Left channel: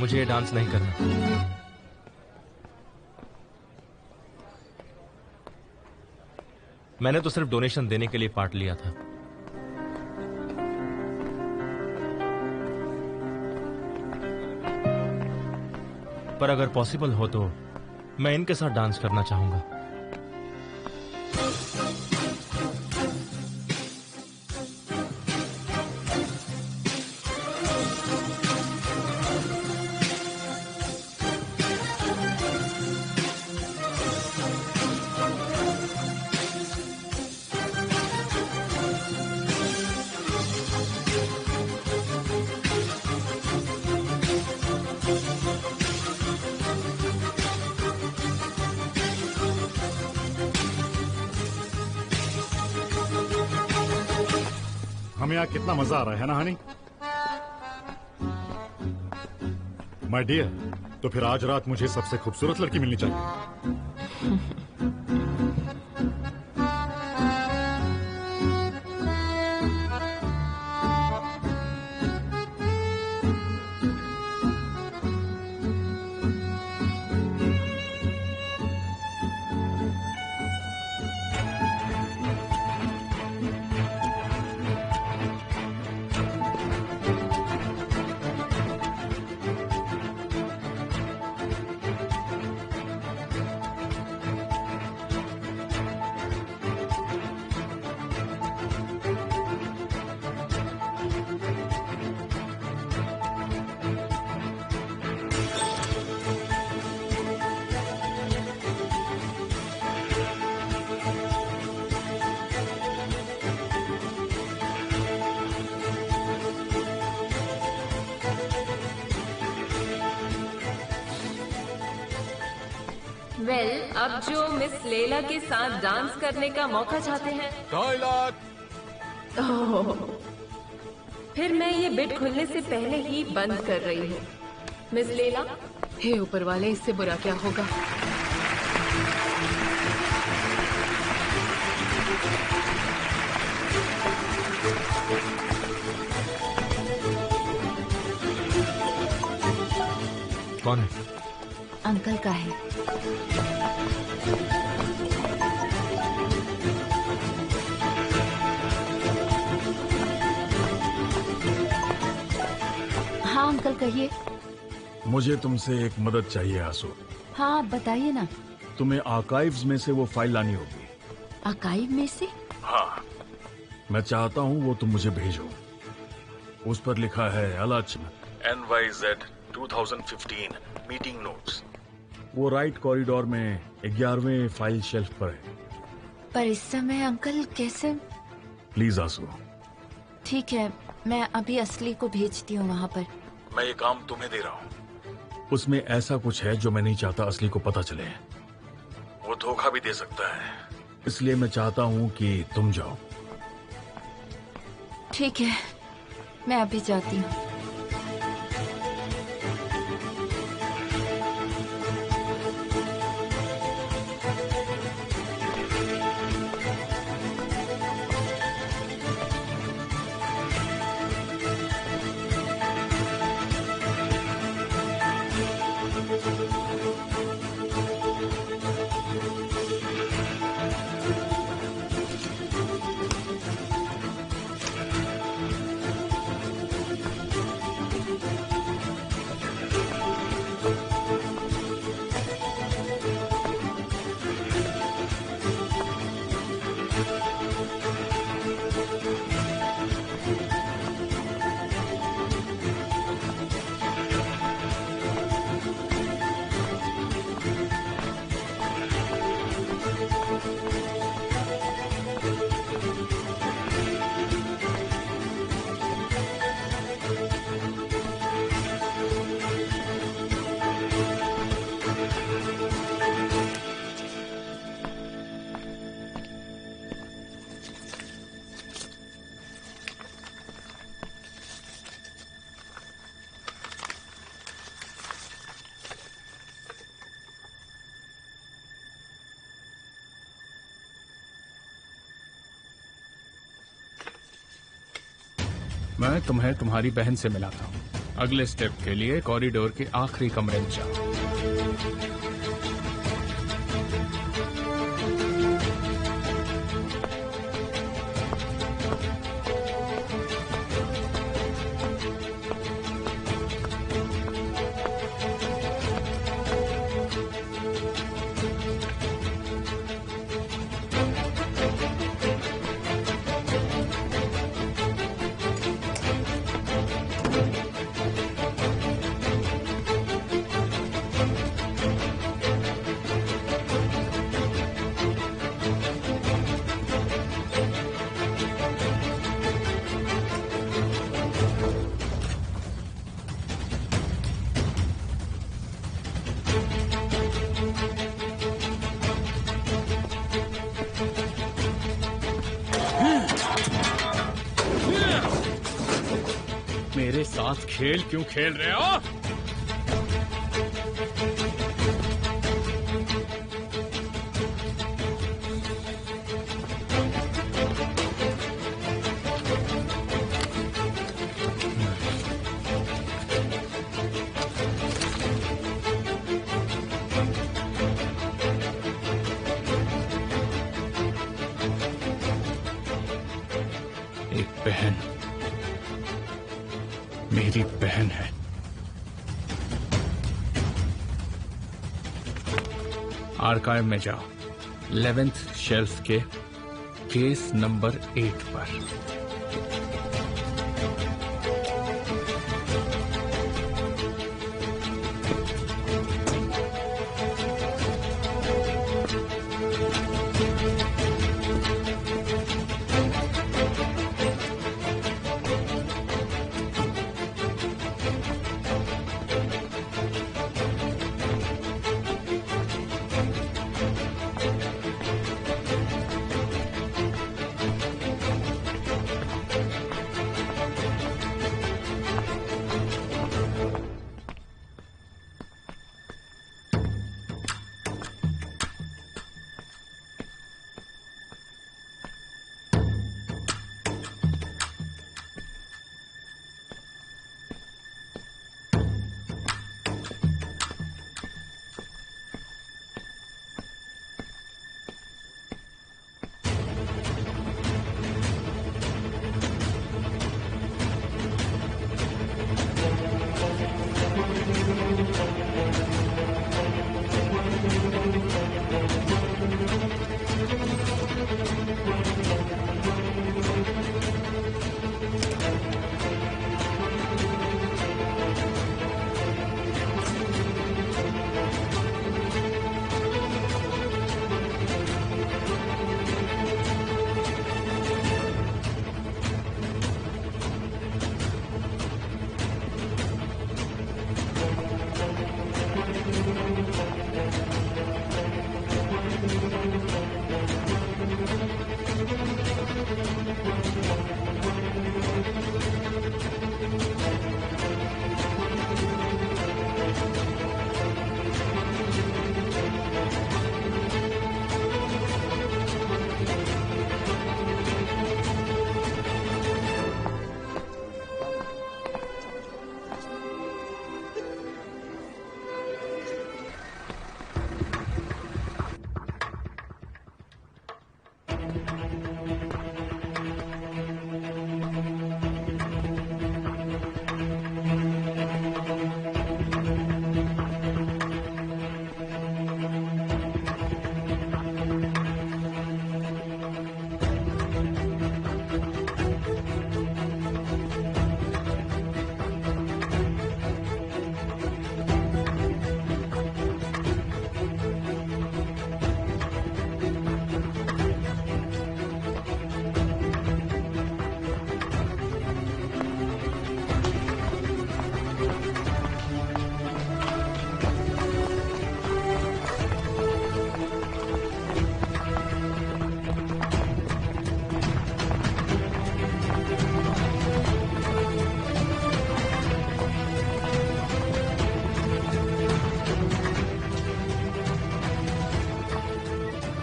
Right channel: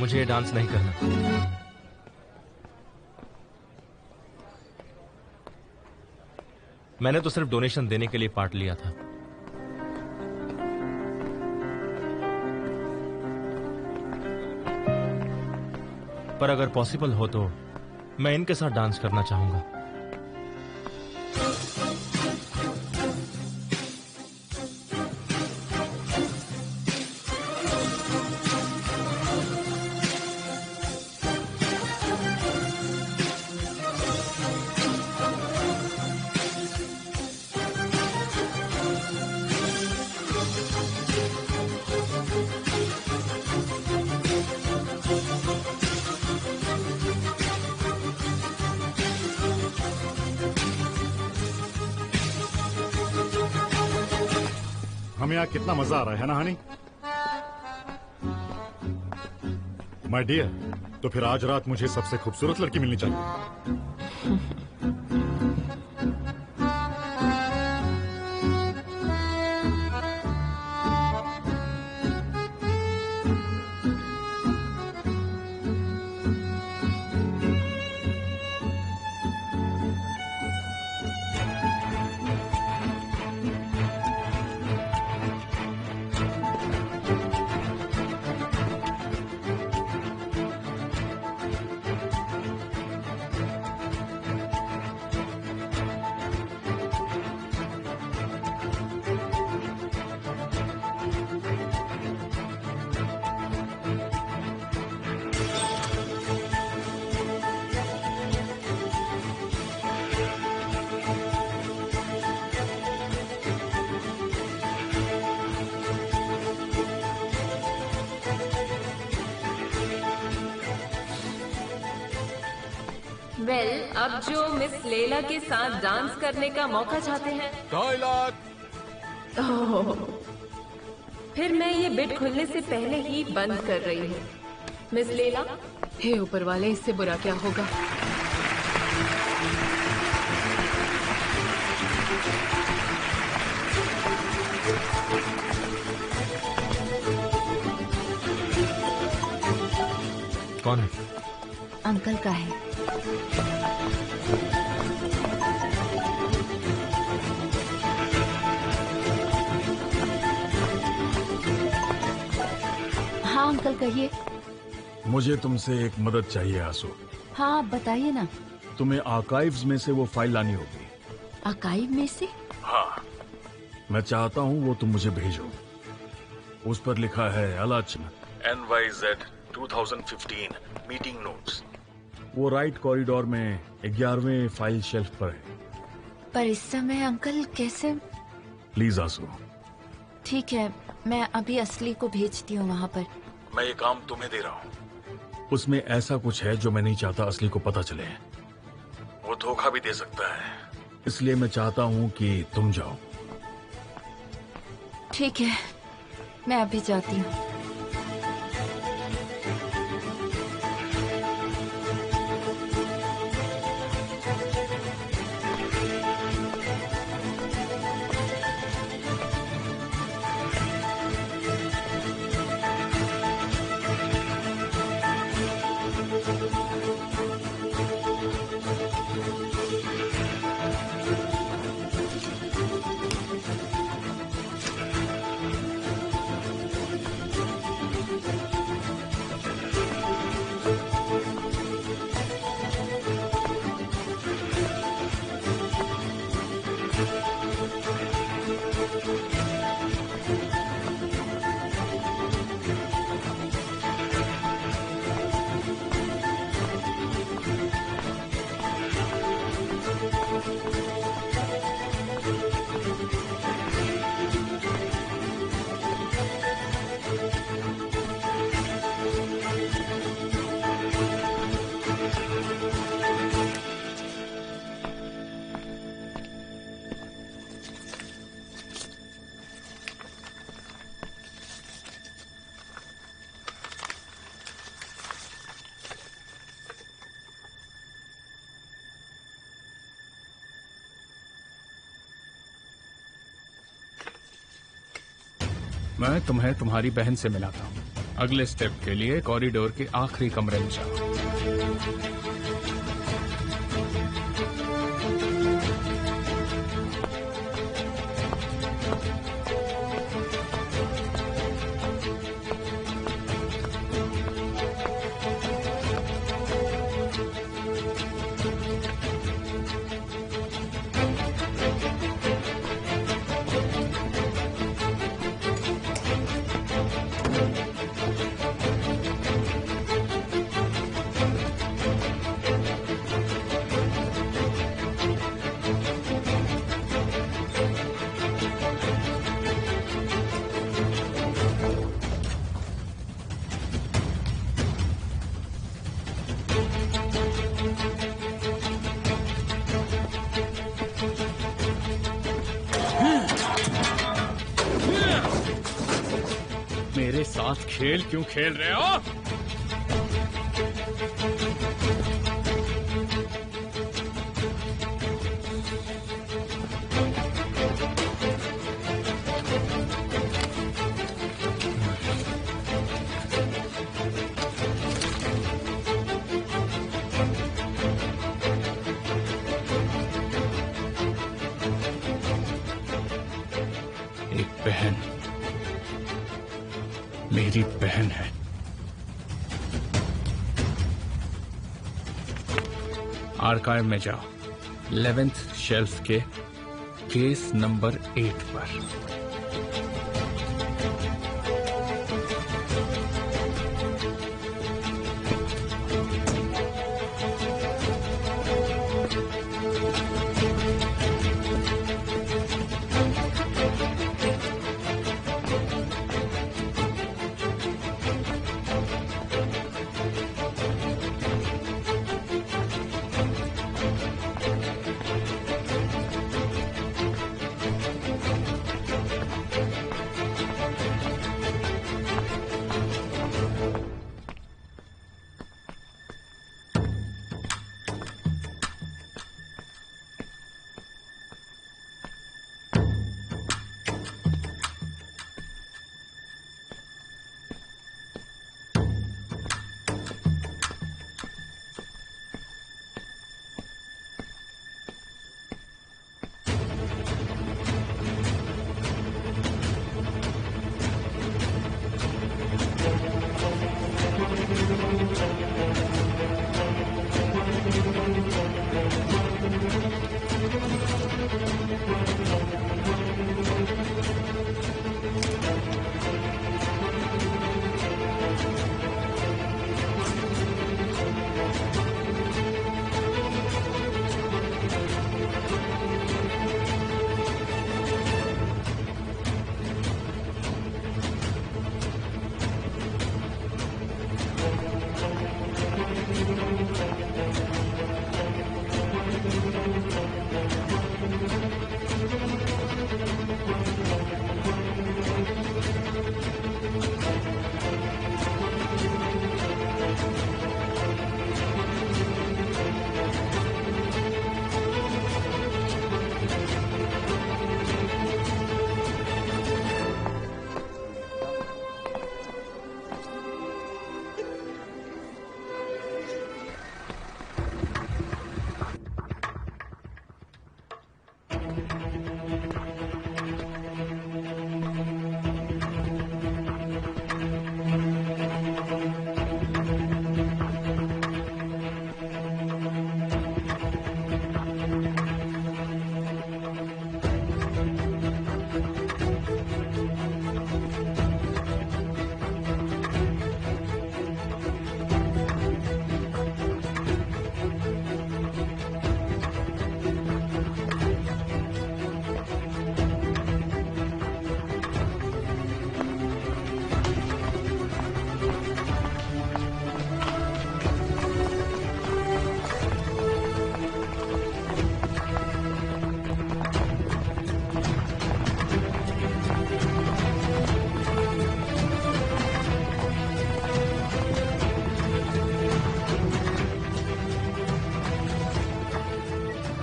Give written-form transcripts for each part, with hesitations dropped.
मुझे ये डांस नहीं करना। मैंने तो सिर्फ डोनेशन देने के लिए पार्ट लिया था। पर अगर पॉसिबल हो तो मैं इनके साथ डांस करना चाहूंगा। हमें यहाँ कितना मजा आ रहा है ना हनी? माय डियर, तो फिर आज रात मुझे सबसे खूबसूरत लड़की मिलनी चाहिए। अब जो मिस लैला के साथ डांस करने का मौका चाहते हैं, टॉयलेट। फिर मैं ये बिट खुलने से पहले ही बंद कर रही हूँ। मिस लैला। हे ऊपर वाले, इससे बुरा क्या होगा? कौन है? अंकल का है। हाँ अंकल कहिए। मुझे तुमसे एक मदद चाहिए आंसू। हाँ बताइए ना। तुम्हें आर्काइव्स में से वो फाइल लानी होगी। आर्काइव में से? हाँ, मैं चाहता हूँ वो तुम मुझे भेजो। उस पर लिखा है आलोचना NYZ 2015 मीटिंग नोट्स। वो राइट कॉरिडोर में 11वें फाइल शेल्फ पर है। पर इस समय अंकल कैसे? प्लीज आंसू। ठीक है, मैं अभी असली को भेजती हूँ वहाँ पर। मैं ये काम तुम्हें दे रहा हूँ। उसमें ऐसा कुछ है जो मैं नहीं चाहता असली को पता चले। वो धोखा भी दे सकता है, इसलिए मैं चाहता हूँ कि तुम जाओ। ठीक है, मैं अभी जाती हूँ। मैं तुम्हें तुम्हारी बहन से मिलाता हूँ। अगले स्टेप के लिए कॉरिडोर के आखिरी कमरे में जाओ। मेरे साथ खेल क्यों खेल रहे हो? एक बहन मेरी बहन है। आर्काइव में जाओ, 11th शेल्फ के केस नंबर 8 पर।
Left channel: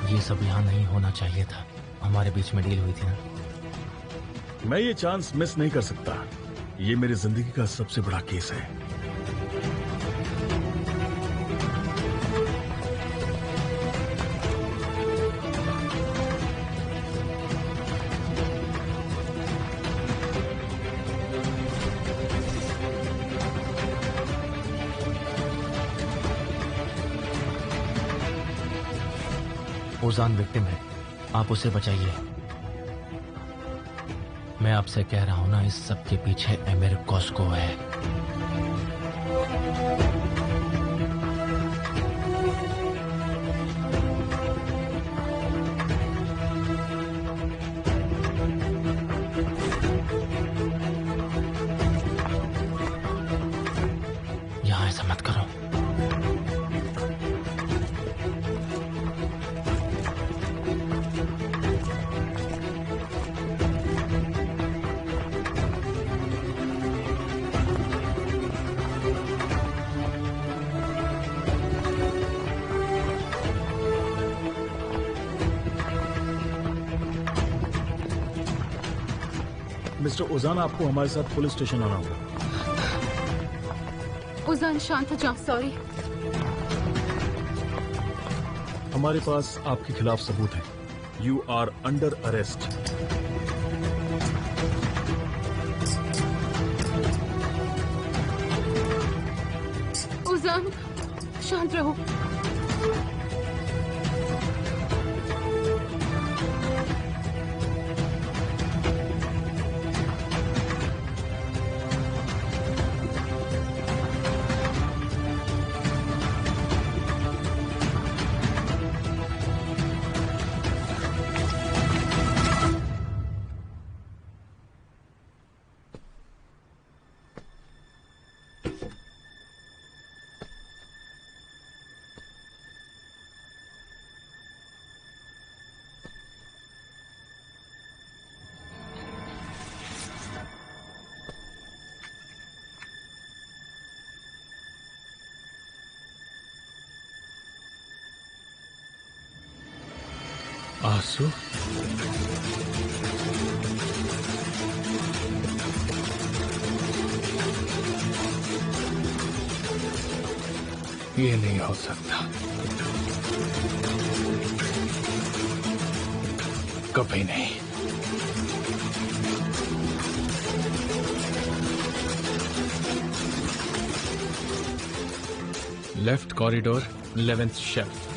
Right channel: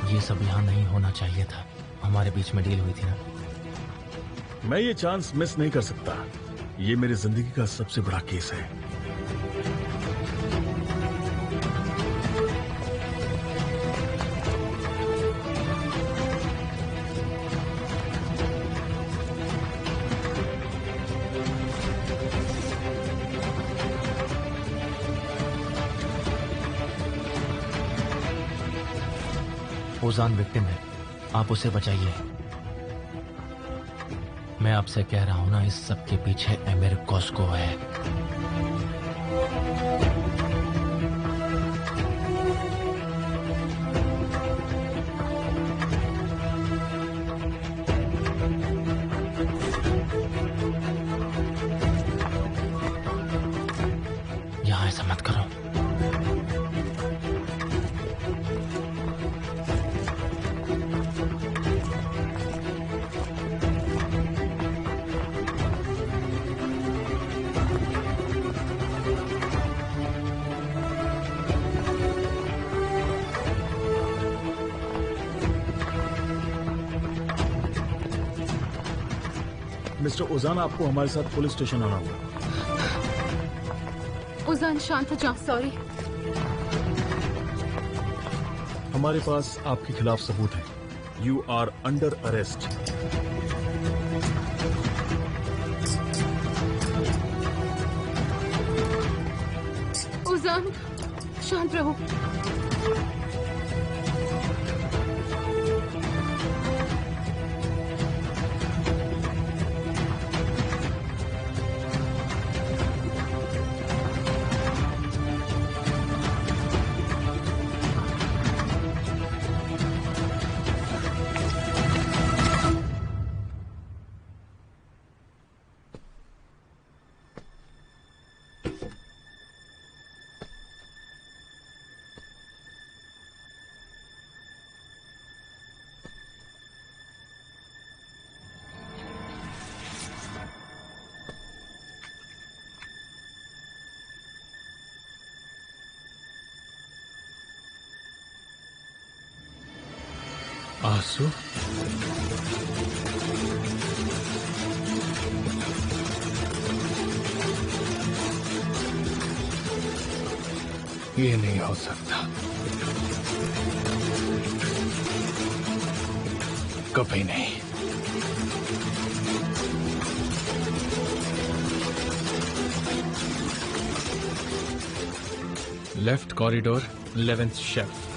ये सब यहाँ नहीं होना चाहिए था। हमारे बीच में डील हुई थी ना। मैं ये चांस मिस नहीं कर सकता। ये मेरी जिंदगी का सबसे बड़ा केस है। ओजान विक्टिम है, आप उसे बचाइए। मैं आपसे कह रहा हूं ना, इस सब के पीछे एमिर कॉस्को है। यहां ऐसा मत करो। मिस्टर ओजान, आपको हमारे साथ पुलिस स्टेशन आना होगा। उजान शांत हो जाओ। सॉरी। हमारे पास आपके खिलाफ सबूत है। You are under arrest. Ujaan शांत रहो। आंसू? ये नहीं हो सकता, कभी नहीं। Left corridor, 11th shelf.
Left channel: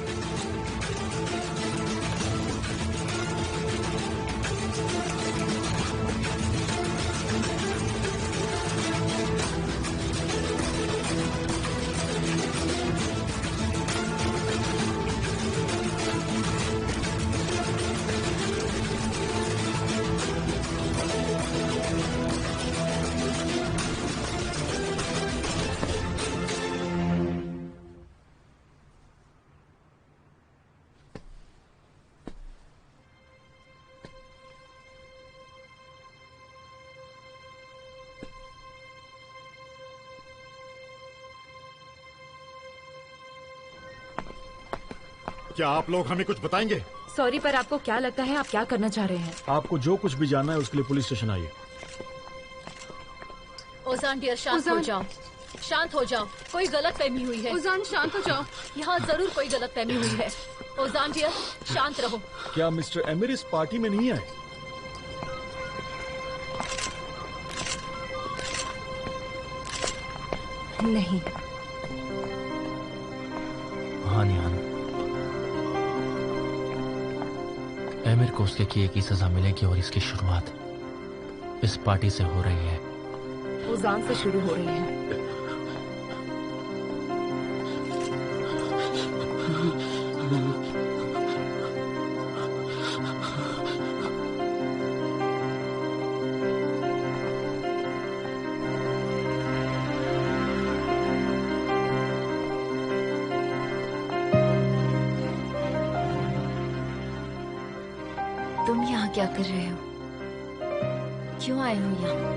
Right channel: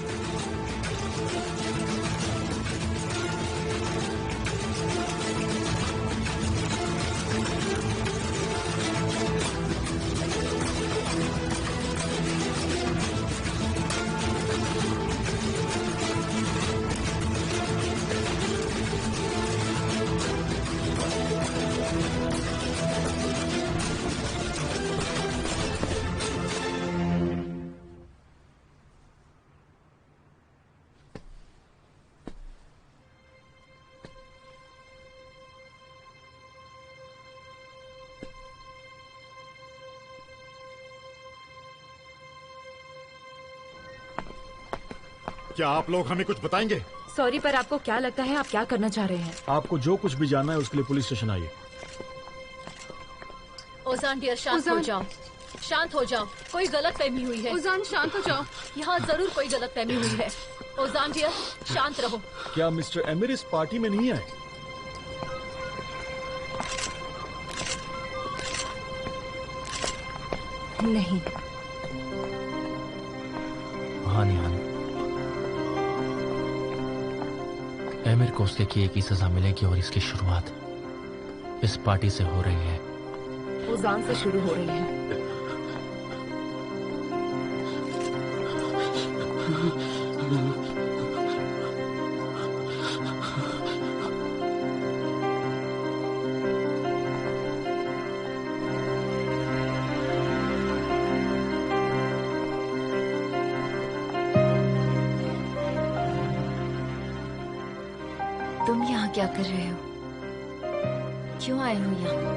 क्या आप लोग हमें कुछ बताएंगे? सॉरी, पर आपको क्या लगता है आप क्या करना चाह रहे हैं? आपको जो कुछ भी जानना है उसके लिए पुलिस स्टेशन आइए। ओजान डियर, शांत हो जाओ। शांत हो जाओ, कोई गलत फहमी हुई है। उजान शांत हो जाओ। यहाँ जरूर कोई गलत फहमी हुई है। ओजान डियर, शांत रहो। क्या मिस्टर एमिर इस पार्टी में नहीं आए? नहीं। हाँ निहान, एमिर को उसके किए की सजा मिलेगी और इसकी शुरुआत इस पार्टी से हो रही है। उजान से शुरू हो रही है। तुम यहाँ क्या कर रहे हो? क्यों आए हो यहाँ?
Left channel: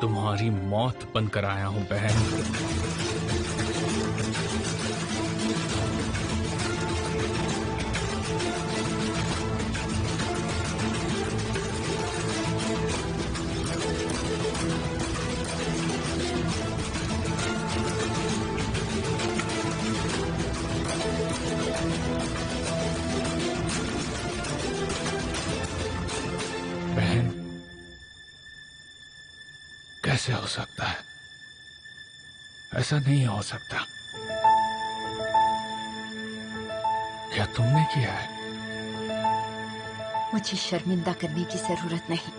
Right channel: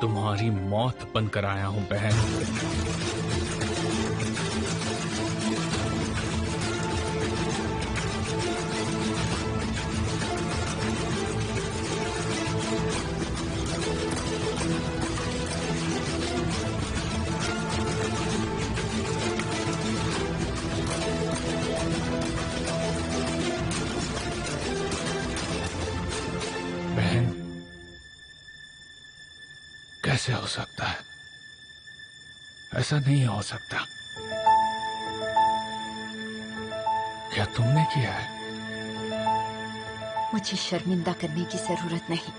तुम्हारी मौत बनकर आया हूं बहन। कैसे हो सकता है? ऐसा नहीं हो सकता। क्या तुमने किया है? मुझे शर्मिंदा करने की जरूरत नहीं।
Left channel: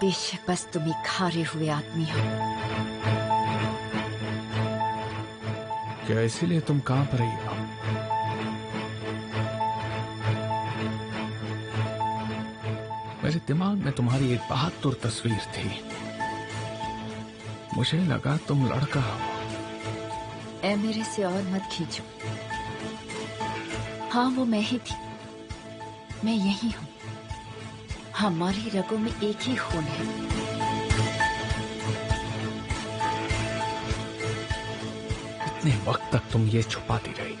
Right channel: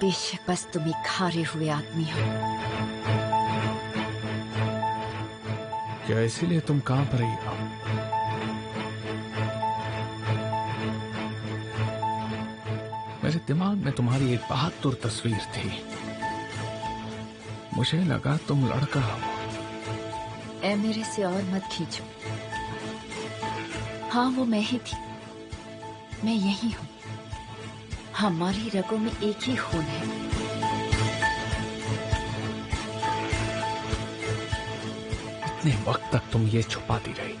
बेशक बस तुम एक हारे हुए आदमी हो। क्या इसीलिए तुम कांप रही हो? मेरे दिमाग में तुम्हारी एक बहादुर तस्वीर थी। मुझे लगा तुम लड़का हो। ऐ मेरे से और मत खींचो। हाँ, वो मैं ही थी। मैं यही हूँ। हमारी रगों में एक ही खून है। इतने वक्त तक तुम ये छुपाती रही।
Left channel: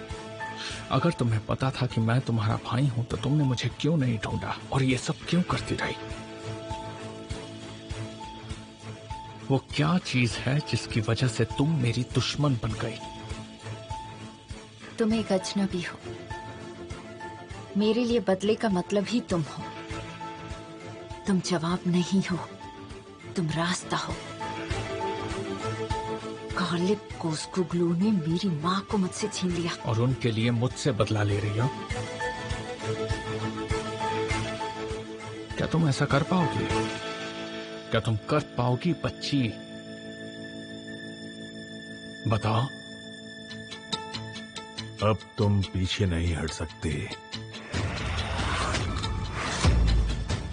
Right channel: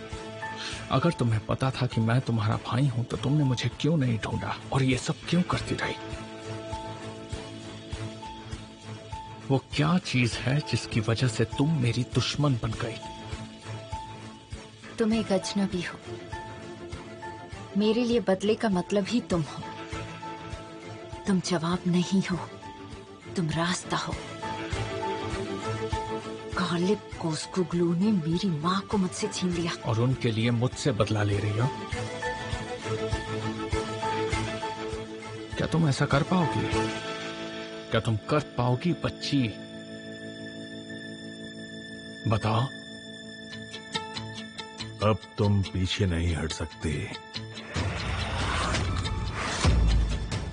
अगर तुम्हें पता था कि मैं तुम्हारा भाई हूं तो तुमने मुझे क्यों नहीं ढूंढा और ये सब क्यों करती रही? वो क्या चीज है जिसकी वजह से तुम मेरी दुश्मन बन गई? तुम एक अजनबी हो। मेरे लिए बदले का मतलब ही तुम हो। तुम जवाब नहीं हो, तुम रास्ता हो। गालिब कोस्कुग्लू ने मेरी माँ को मुझसे छीन लिया और उनके लिए मुझसे बदला ले रही हो? क्या तुम ऐसा कर पाओगी? क्या तुम कर पाओगी बच्ची? बताओ। अब तुम पीछे नहीं हट सकते।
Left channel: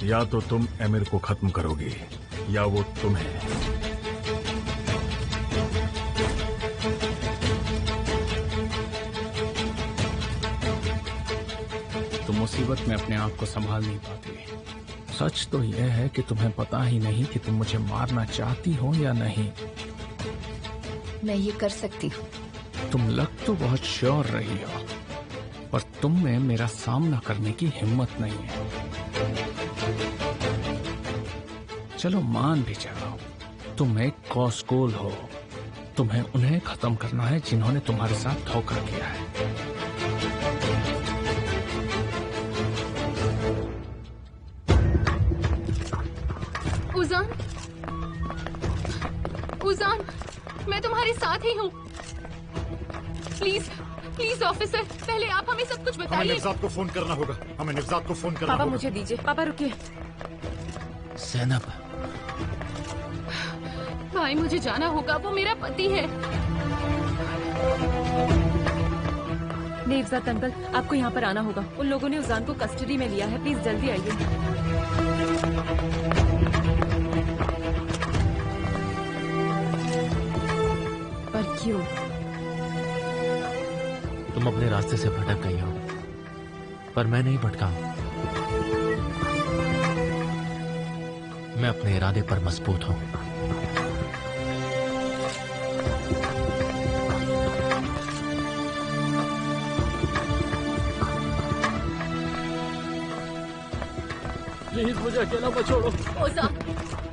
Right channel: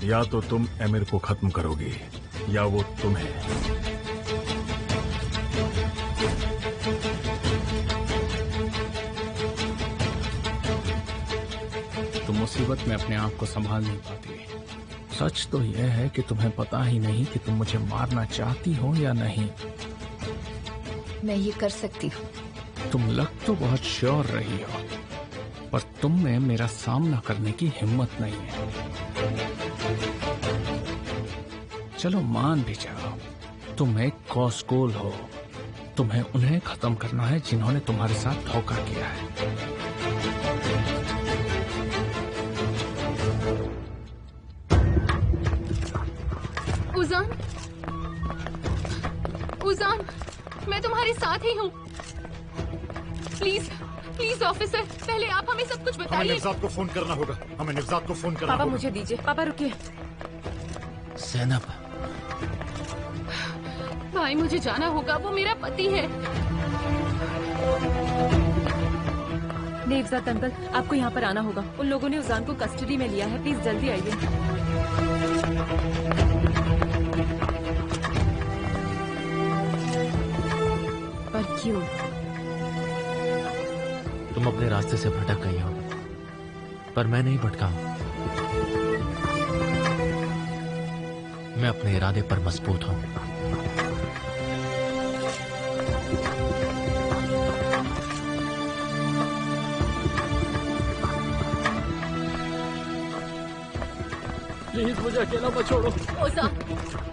या तो तुम एमिर को खत्म करोगे या वो तुम्हें। तुम मुसीबत में अपने आप को संभाल नहीं पाती। सच तो यह है कि तुम्हें पता ही नहीं कि तुम मुझे मारना चाहती हो या नहीं। मैं ये कर सकती हूँ। तुम लग तो बहुत श्योर रही हो, पर तुम में मेरा सामना करने की हिम्मत नहीं है। चलो मान भी जाओ, तुम एक कॉस्कोल हो। तुम्हें उन्हें खत्म करना है जिन्होंने तुम्हारे साथ धोखा किया है। उजान, उजान, मैं तुम्हारे साथ ही हूँ। प्लीज, प्लीज ऑफिसर, पहले आप हमें सब कुछ हमें बताइए। निवजात को फोन करना होगा। हमें निवजात को फोन करना पापा होगा। मुझे दीजिए। पापा रुकिए। सैनब, भाई मुझे जाना होगा, वो मेरा पति है। नेवजात अंकल, आपको यहाँ पर आना होगा। उन लोगों ने उजान को कस्टडी में लिया है। प्लीज जल्दी आइए। पर क्यों? तुम अपने रास्ते से भटक गई हो, पर मैं नहीं भटका हूं। मैं अपने इरादे पर मजबूत हूं। प्लीज मुझे अकेला मत छोड़ो। ओजान,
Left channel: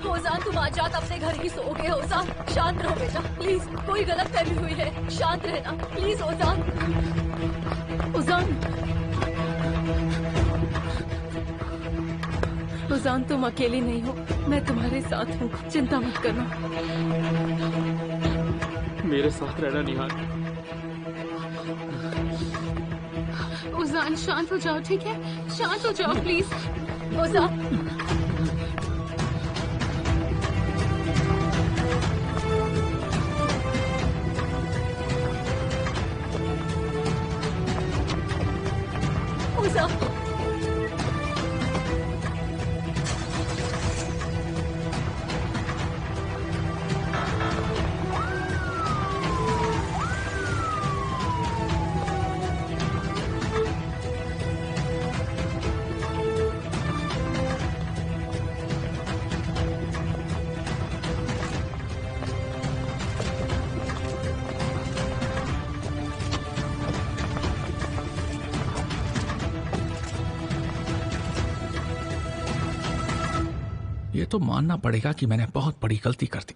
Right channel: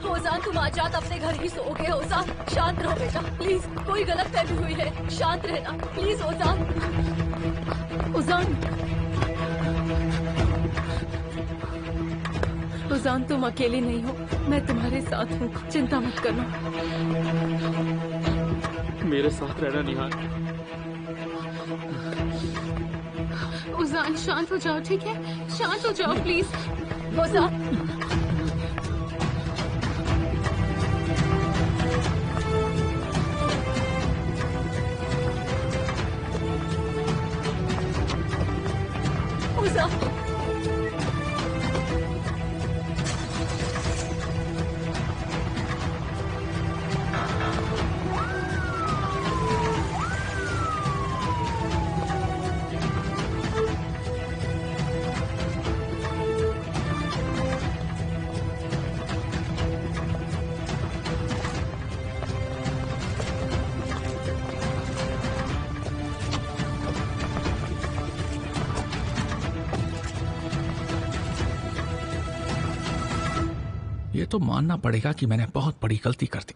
ओजान, तुम आज रात अपने घर ही सोओगे। ओजान, शांत रहो बेटा, प्लीज। कोई गलत फहमी हुई है, शांत रहना प्लीज। ओजान, उजान, उजान, तुम अकेली नहीं हो। मैं तुम्हारे साथ हूँ, चिंता मत करना। मेरे साथ रहना निहार। उजान, शांत हो जाओ, ठीक है? शांत हो जाओ प्लीज। ओजान, ओजान, ये तो मानना पड़ेगा कि मैंने बहुत बड़ी गलती कर दी।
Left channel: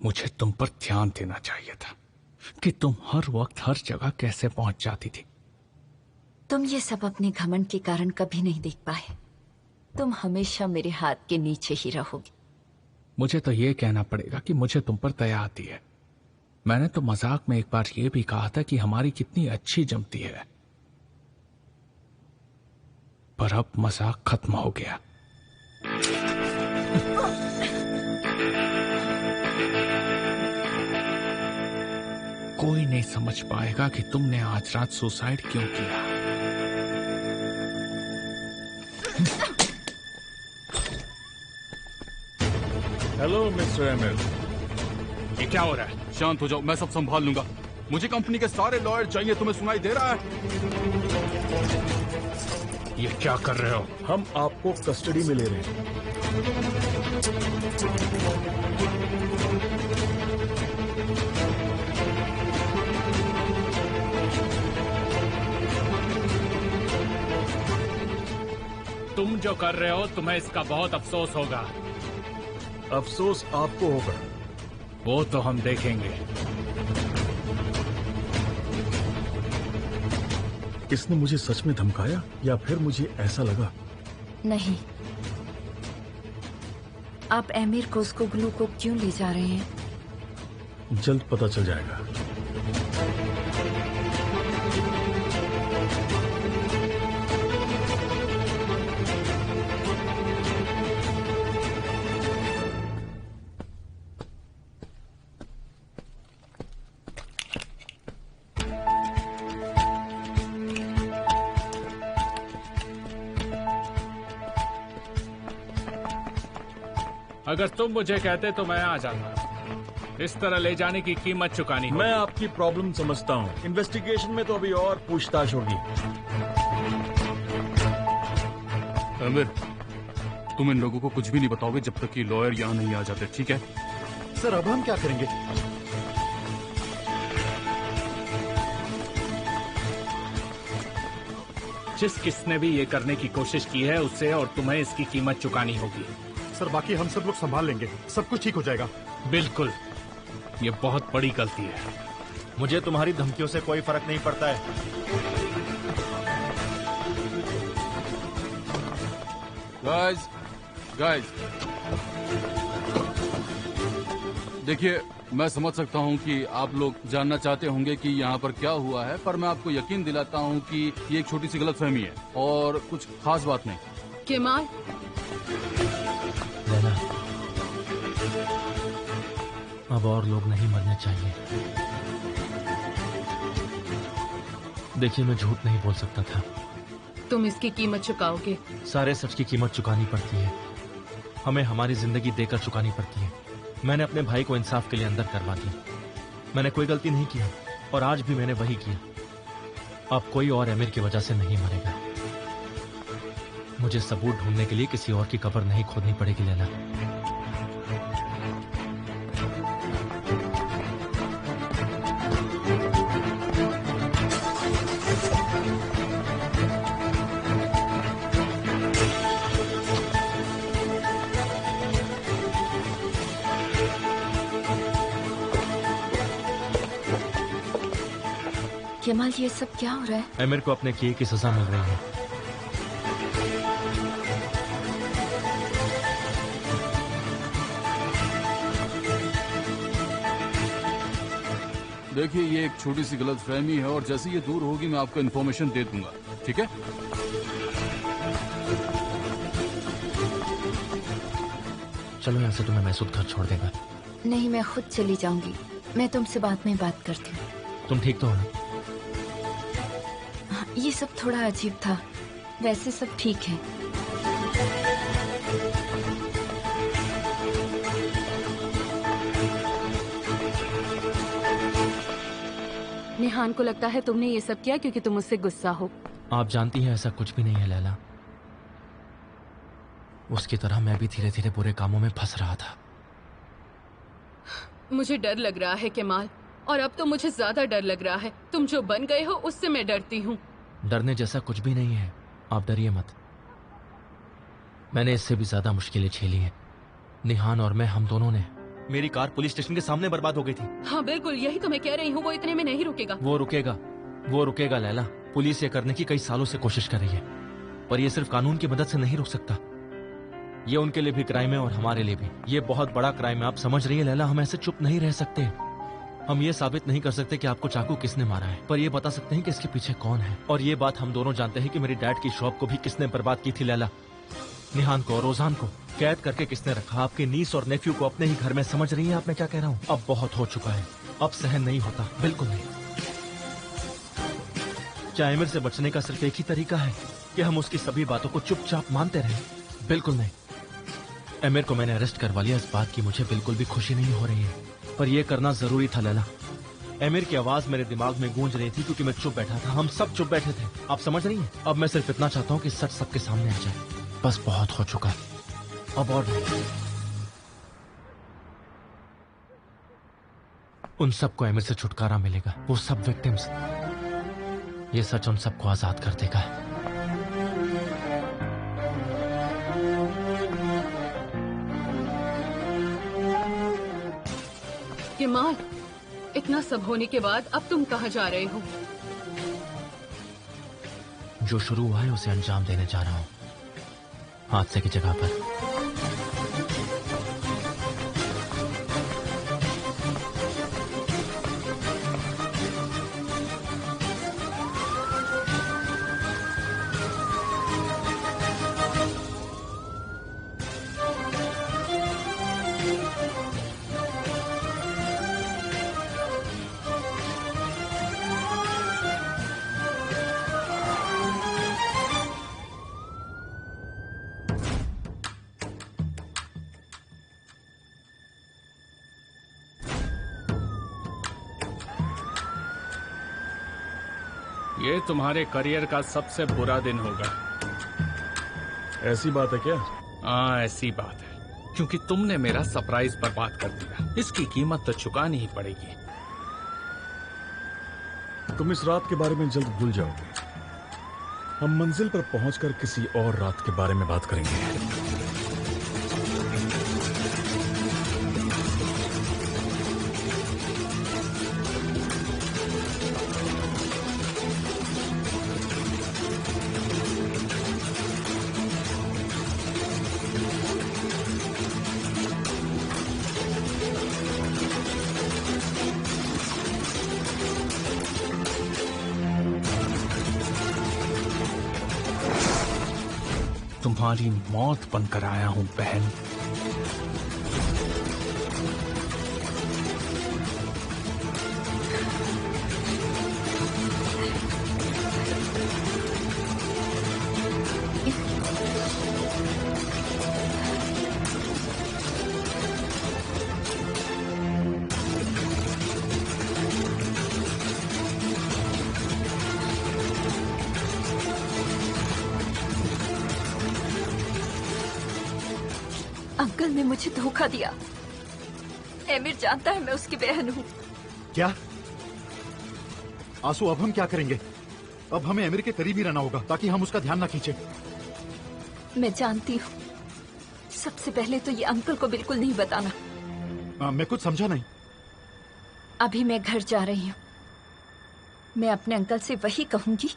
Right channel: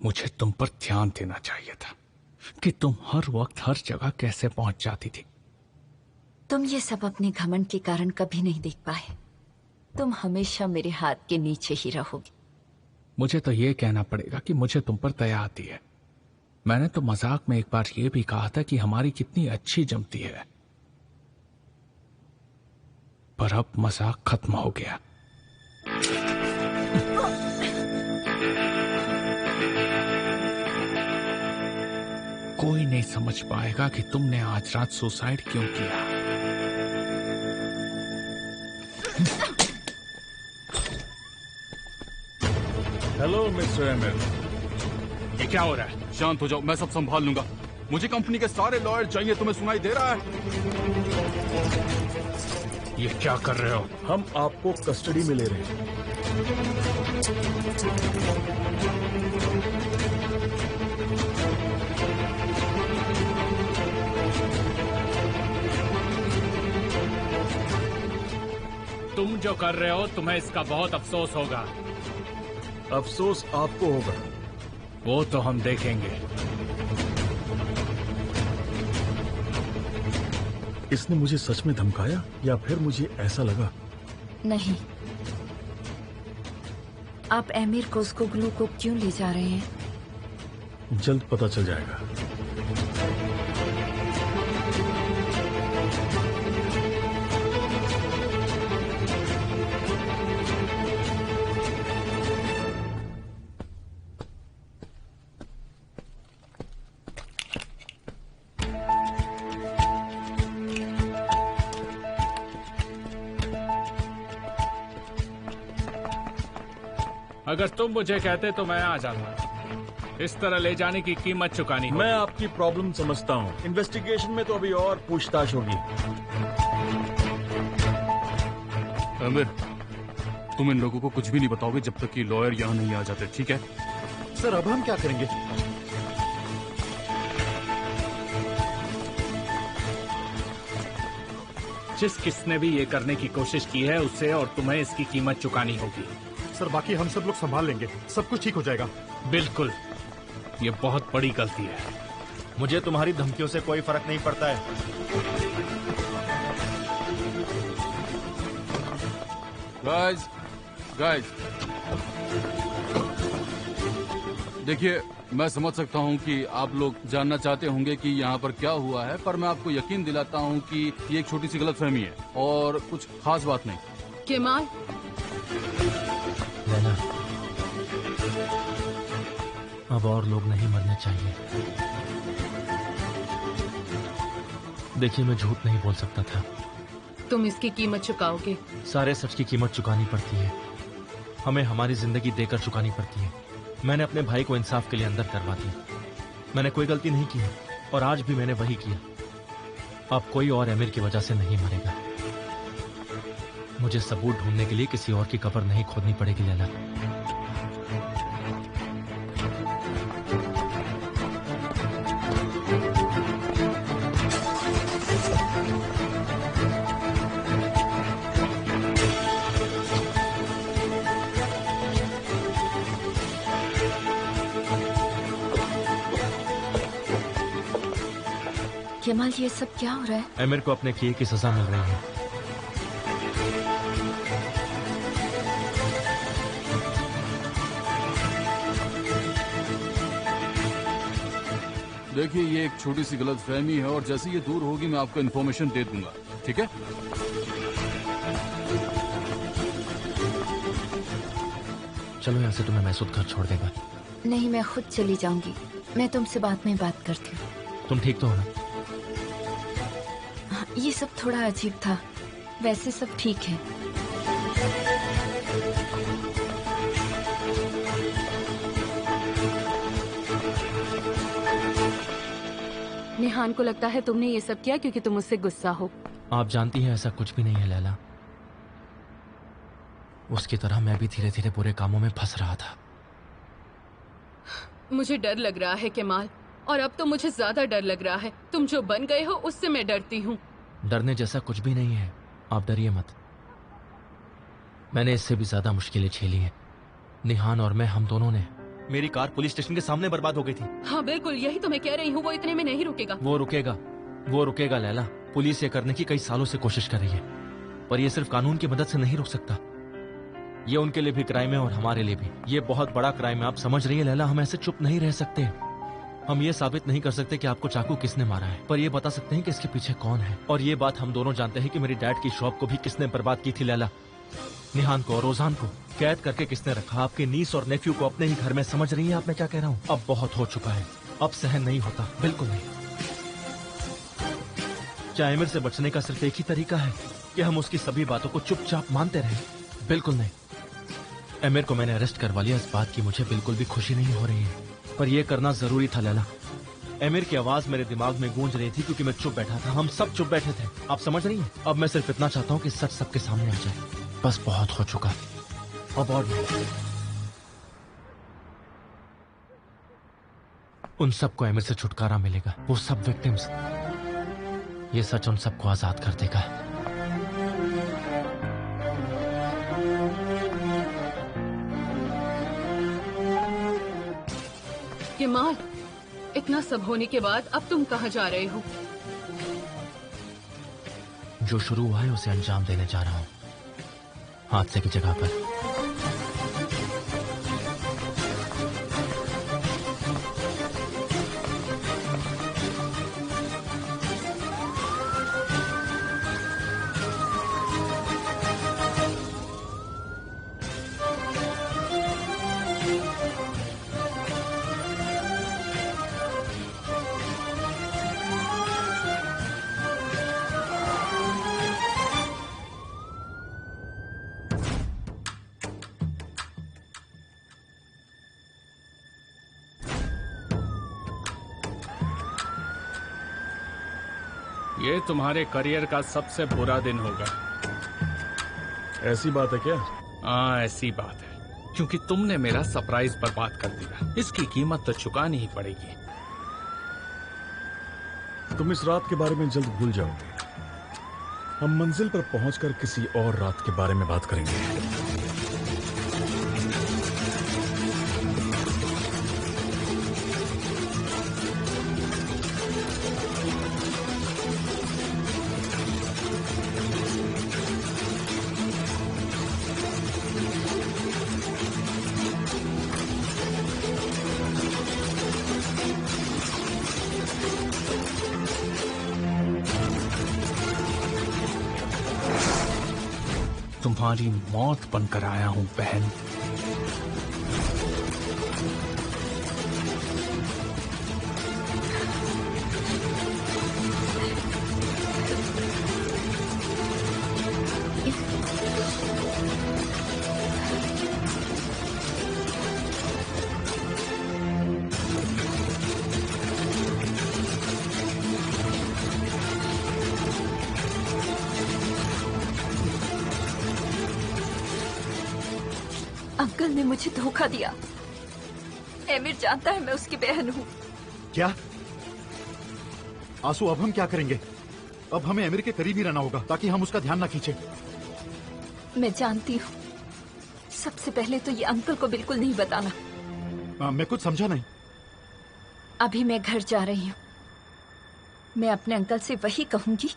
मुझे तुम पर ध्यान देना चाहिए था कि तुम हर वक्त हर जगह कैसे पहुंच जाती थी। तुम ये सब अपने घमंड के कारण कभी नहीं देख पाए। तुम हमेशा मेरे हाथ के नीचे ही रहोगे। मुझे तो ये कहना पड़ेगा कि मुझे तुम पर दया आती है। मैंने तो मजाक में एक बार ये भी कहा था कि हमारी कितनी अच्छी जमती है, पर अब मजाक खत्म हो गया। कोई नहीं समझ पाएगा कि तुमने आज रात सुसाइड क्यों किया। Hello mister emir. ये क्या हो रहा है? शांत हो जाओ, मैं सब संभाल लूंगा। मुझे कंपनी के सारे लॉयर चाहिए। तुम्हें सुनाई दे रहा है? ये क्या कर रहे हो? हम आपको कस्टडी में ले रहे हैं। तुम जो कर रहे हो तुम्हें इसका बहुत अफसोस होगा। अफसोस आपको होगा। वो तो हम देखेंगे। इसने मुझे सच में धमकाया या फिर मुझे ऐसा लगा? नहीं, आप एमिर को उसको ग्लू को क्यों ले जा रहे हैं? जल्द पता चल जाएगा। अगर तुम मुझे कहते तो मैं आ जाता। इस तरह ले जाने की कीमत चुकानी होगी। मैं आपकी प्रॉब्लम समझता हूँ। इन्वेस्टिगेशन में तो अभी और पूछताछ होगी। आमिर, तुम इन लोगों को कुछ भी नहीं बताओगे जब तक कि लॉयर यहाँ नहीं आ जाते, ठीक है? सर अब हम क्या करेंगे? जिस किसने भी ये करने की कोशिश की है उससे और तुम्हें इसकी कीमत चुकानी होगी। सर बाकी हम सब लोग संभाल लेंगे, सब कुछ ठीक हो जाएगा। बिल्कुल, ये बहुत बड़ी गलती है। मुझे तुम्हारी धमकियों से कोई फर्क नहीं पड़ता है। गाइस, देखिए, मैं समझ सकता हूँ कि आप लोग जानना चाहते होंगे कि यहाँ पर क्या हुआ है, पर मैं आपको यकीन दिलाता हूँ कि ये एक छोटी सी गलतफहमी है और कुछ खास बात नहीं। केमाल, लैला, अब और लोग नहीं मरने चाहिए। देखिए, मैं झूठ नहीं बोल सकता था। तुम इसकी कीमत चुकाओगे। सारे सच की कीमत चुकानी पड़ती है। हमें हमारी जिंदगी देकर चुकानी पड़ती है। मैंने अपने भाई को इंसाफ के लिए अंदर करवा दिया। मैंने कोई गलती नहीं की है और आज भी मैंने वही किया। अब कोई और एमिर की वजह से नहीं मरेगा। मुझे सबूत ढूंढने के लिए किसी और की कब्र नहीं खोदनी पड़ेगी लैला। केमाल, ये सब क्या हो रहा है? एमिर को अपने किए की सजा मिल रही है। देखिए, ये एक छोटी सी गलतफहमी है और जैसे ये दूर होगी मैं आपको इन्फॉर्मेशन दे दूंगा, ठीक है? चलो यहाँ से, तुम्हें महसूद घर छोड़ देगा। नहीं, मैं खुद चली जाऊंगी। मैं तुमसे बाद में बात करती हूँ। तुम ठीक तो हो ना? हाँ, ये सब थोड़ा अजीब था, वैसे सब ठीक है। निहान को लगता है तुमने ये सब किया क्योंकि तुम मुझसे गुस्सा हो। आप जानती हैं ऐसा कुछ भी नहीं है लैला। उसकी तरह मैं भी धीरे धीरे बुरे कामों में फंस रहा था। मुझे डर लग रहा है केमाल, और अब तो मुझे ज्यादा डर लग रहा है। तुम जो बन गए हो उससे मैं डरती हूँ। डरने जैसा कुछ भी नहीं है, आप डरिए मत। मैंने इससे भी ज्यादा मुश्किलें झेली हैं। निहान और मैं, हम दोनों ने। मेरी कार पुलिस स्टेशन के सामने बर्बाद हो गई थी। हाँ बिल्कुल, यही तो मैं कह रही हूँ। वो इतने में नहीं रुकेगा। वो रुकेगा लैला। पुलिस ये करने की कई सालों से कोशिश कर रही है, पर ये सिर्फ कानून की मदद से नहीं रुक सकता। ये उनके लिए भी क्राइम है और हमारे लिए भी। ये बहुत बड़ा क्राइम है, आप समझ रही है लैला। हम ऐसे चुप नहीं रह सकते। हम ये साबित नहीं कर सकते कि आपको चाकू किसने मारा है, पर ये बता सकते हैं कि इसके पीछे कौन है। और ये बात हम दोनों जानते हैं कि मेरी डैड की शॉप को भी किसने बर्बाद की थी लैला। निहान को और ओजान को कैद करके किसने रखा, आपके नीस और नेफ्यू को अपने ही घर में। समझ रही है आप मैं क्या कह रहा हूँ? अब बहुत हो चुका है, अब सहन नहीं होता, बिल्कुल नहीं। क्या एमिर से बचने का सिर्फ एक ही तरीका है कि हम उसकी सभी बातों को चुपचाप मानते रहें? बिल्कुल नहीं। एमिर को मैंने अरेस्ट करवा लिया, इस बात की मुझे बिल्कुल भी खुशी नहीं हो रही है, पर यह करना जरूरी था लैला। एमिर की आवाज मेरे दिमाग में गूंज रही थी क्योंकि मैं चुप बैठा था। हम सब चुप बैठे थे, आप समझ रही हैं? अब मैं सिर्फ इतना चाहता हूं कि सच सबके सामने आ जाए। बस बहुत हो चुका, अब और नहीं। उन सबको एमिर से छुटकारा मिलेगा, वो सब विक्टिम्स। ये सच उन सबको आजाद कर देगा। कमाल, इतना सब होने के बाद अब तुम कहाँ जा रहे हो? जो शुरू हुआ है उसे अंजाम देने जा रहा हूं, हादसे की जगह पर। ये तुम्हारे करियर का सबसे बुरा दिन होगा। ऐसी बात है क्या? हाँ, ऐसी बात है, क्योंकि तुमने मेरा सरप्राइज बर्बाद कर दिया। इसकी कीमत तो चुकानी ही पड़ेगी। तुम इस रात के बारे में जल्द भूल जाओगे। हम मंजिल पर पहुंचकर किसी और रात के बारे में बात करेंगे। तुम्हारी मौत बनकर आया हूं बहन। अंकल ने मुझे धोखा दिया। एमिर जानता है मैं उसकी बहन हूँ। क्या आंसू, अब हम क्या करेंगे? अब हमें एमिर के करीब ही रहना होगा ताकि हम उसका ध्यान ना खींचे। मैं जानती हूँ। सबसे पहले तो ये अंकल को बिल्कुल नहीं बताना। मैं कुछ समझा नहीं। अभी मैं घर जा रही हूँ। मैं अपने अंकल से वही कहूंगी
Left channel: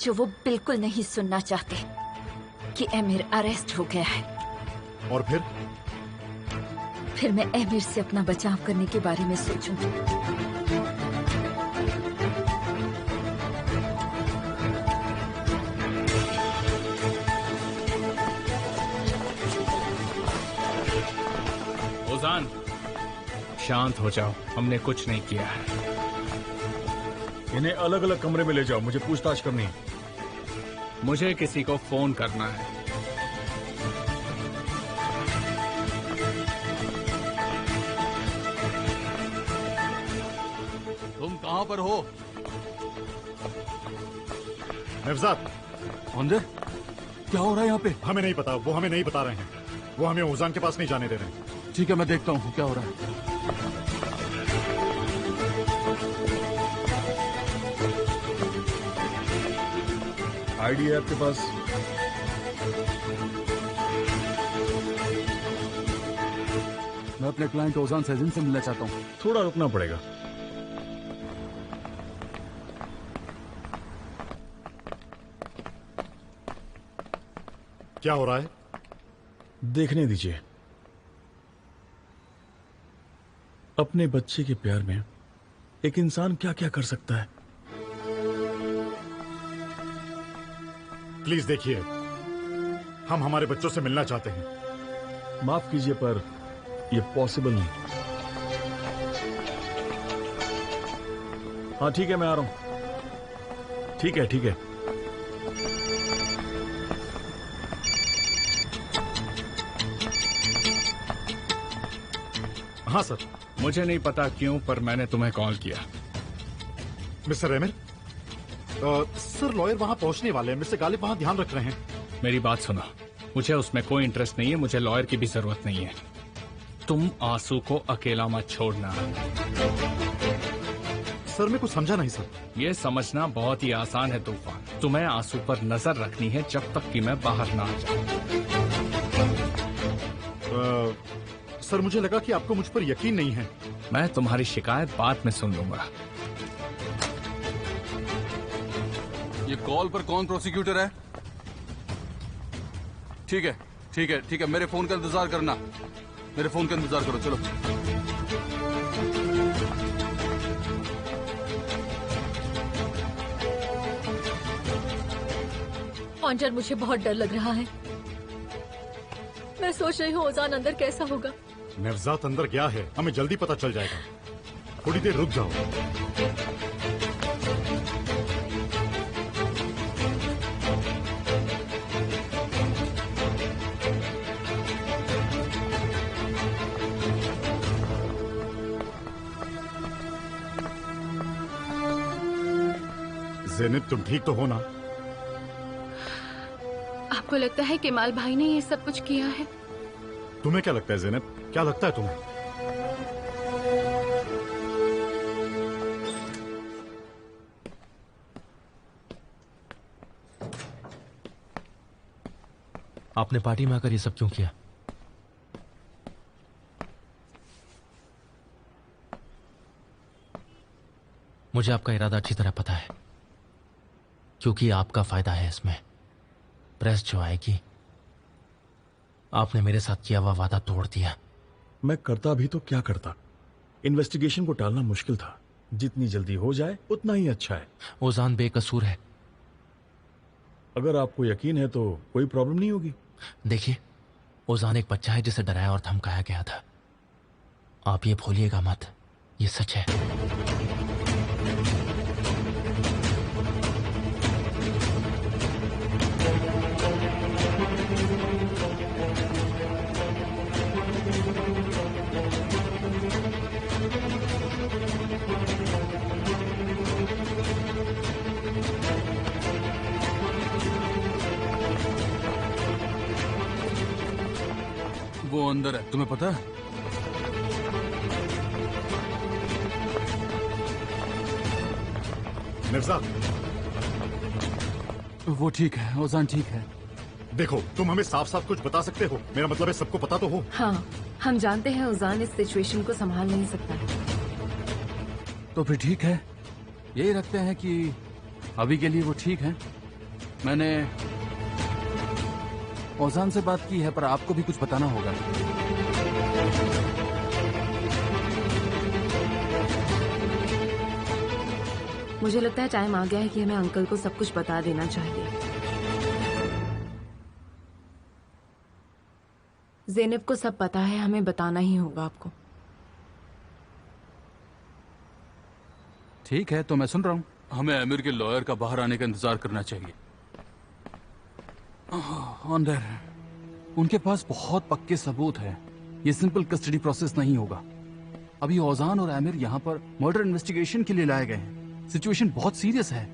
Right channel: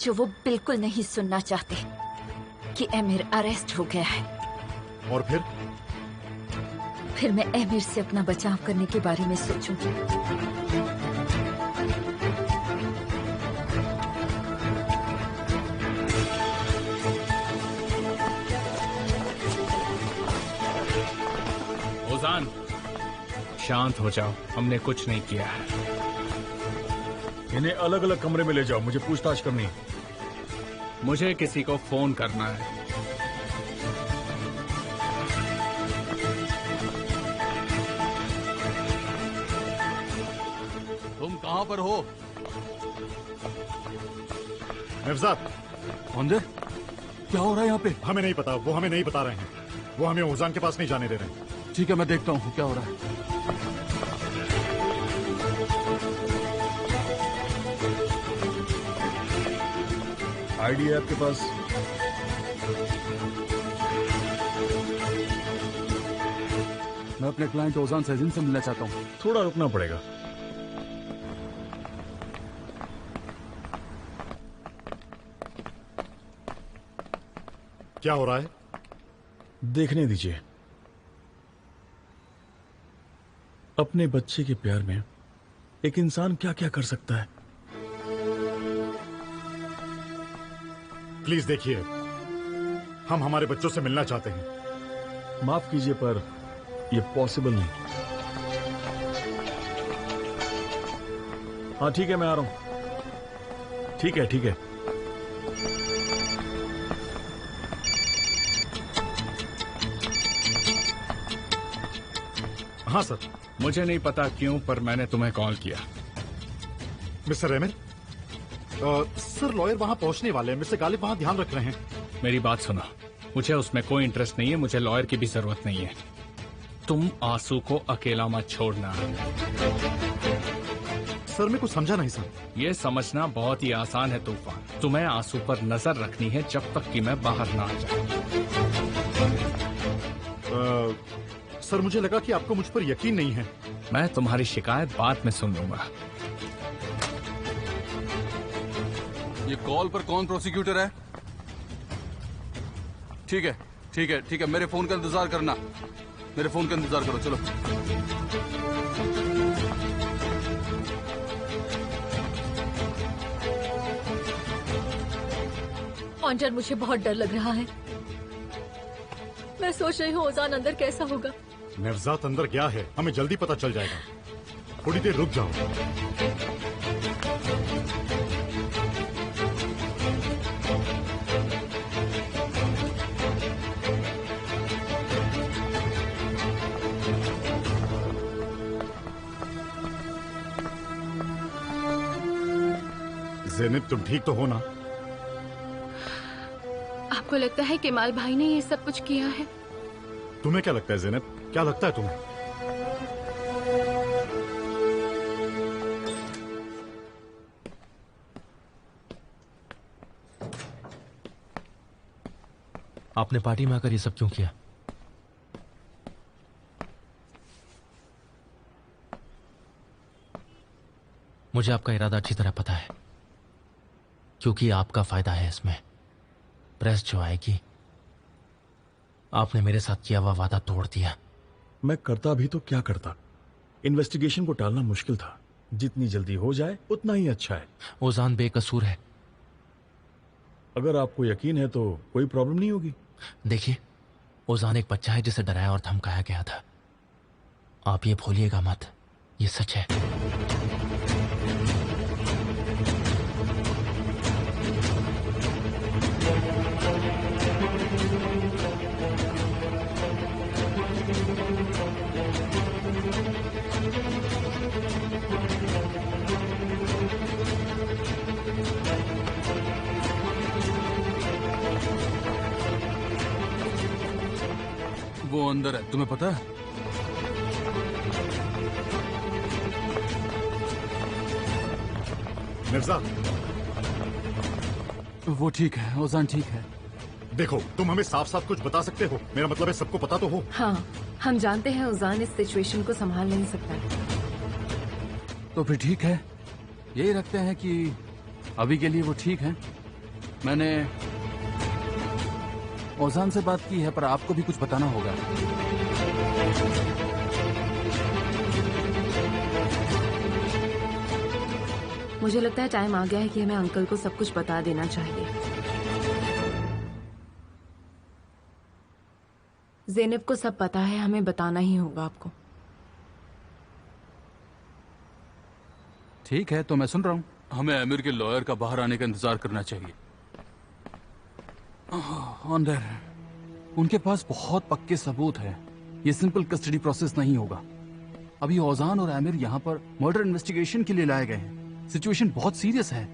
जो वो बिल्कुल नहीं सुनना चाहते, कि एमिर अरेस्ट हो गया है। और फिर मैं एमिर से अपना बचाव करने के बारे में सोचूंगी। ओजान, शांत हो जाओ, हमने कुछ नहीं किया है। इन्हें अलग अलग कमरे में ले जाओ, मुझे पूछताछ करनी है। मुझे किसी को फोन करना है। तुम कहाँ पर हो? नवजात, अंदर क्या हो रहा है यहाँ पे? हमें नहीं पता, वो हमें नहीं बता रहे हैं। वो हमें ओजान के पास नहीं जाने दे रहे हैं। ठीक है, मैं देखता हूँ क्या हो रहा है। आईडी है आपके पास? मैं अपने क्लाइंट ओजान सैजिन से मिलना चाहता हूँ। थोड़ा रुकना पड़ेगा। क्या हो रहा है? देखने दीजिए, अपने बच्चे के प्यार में एक इंसान क्या क्या कर सकता है। प्लीज देखिए, हम हमारे बच्चों से मिलना चाहते हैं। माफ कीजिए पर यह पॉसिबल नहीं। हाँ ठीक है, मैं आ रहा हूं। ठीक है ठीक है। हाँ सर। मुझे नहीं पता क्यों, पर मैंने तुम्हें कॉल किया। मिस्टर एमिर, सर लॉयर वहां पहुंचने वाले हैं। मिस्टर गालिब वहां ध्यान रख रहे हैं। मेरी बात सुनो, मुझे उसमें कोई इंटरेस्ट नहीं है। मुझे लॉयर की भी जरूरत नहीं है। तुम आंसू को अकेला मत छोड़ना। सर मैं कुछ समझा नहीं सर। ये समझना बहुत ही आसान है तूफान। तुम्हें आंसू पर नजर रखनी है जब तक कि मैं बाहर ना आ जाऊं। सर मुझे लगा कि आपको मुझ पर यकीन नहीं है। मैं तुम्हारी शिकायत बाद में सुन लूंगा। ये कॉल पर कौन प्रोसिक्यूटर है? ठीक है ठीक है ठीक है, मेरे फोन का इंतजार करना। मेरे फोन का इंतजार करो, चलो। ऑन्टर, मुझे बहुत डर लग रहा है। मैं सोच रही हूँ ओजान अंदर कैसा होगा। नवजात अंदर गया है, हमें जल्दी पता चल जाएगा। थोड़ी देर रुक जाओ। ज़ैनब, तुम ठीक तो हो ना? आपको लगता है केमाल भाई ने ये सब कुछ किया है? तुम्हें क्या लगता है ज़ैनब? क्या लगता है तुम्हें? आपने पार्टी में आकर ये सब क्यों किया? मुझे आपका इरादा अच्छी तरह पता है, क्योंकि आपका फायदा है इसमें। प्रेस जो आएगी, आपने मेरे साथ किया हुआ वादा तोड़ दिया। मैं करता भी तो क्या करता। इन्वेस्टिगेशन को टालना मुश्किल था। जितनी जल्दी हो जाए उतना ही अच्छा है। ओजान बेकसूर है। अगर आपको यकीन है तो कोई प्रॉब्लम नहीं होगी। देखिए, ओजान एक बच्चा है जिसे डराया और धमकाया गया था। आप ये भूलिएगा मत, ये सच है। वो अंदर है, तुम्हें पता है? मिर्जा, वो ठीक है, ओजान ठीक है। देखो, तुम हमें साफ साफ कुछ बता सकते हो? मेरा मतलब है सबको पता तो हो। हाँ, हम जानते हैं ओजान इस सिचुएशन को संभाल नहीं सकता है। तो फिर ठीक है, यही रखते हैं कि अभी के लिए वो ठीक है। मैंने ओजान से बात की है, पर आपको भी कुछ बताना होगा। मुझे लगता है टाइम आ गया है कि हमें अंकल को सब कुछ बता देना चाहिए। ज़ैनब को सब पता है, हमें बताना ही होगा आपको। ठीक है, तो मैं सुन रहा हूँ। हमें आमिर के लॉयर का बाहर आने का इंतजार करना चाहिए। अंदर उनके पास बहुत पक्के सबूत हैं। ये सिंपल कस्टडी प्रोसेस नहीं होगा। अभी ओजान और आमिर यहाँ पर मर्डर इन्वेस्टिगेशन के लिए लाए गए हैं। सिचुएशन बहुत सीरियस है।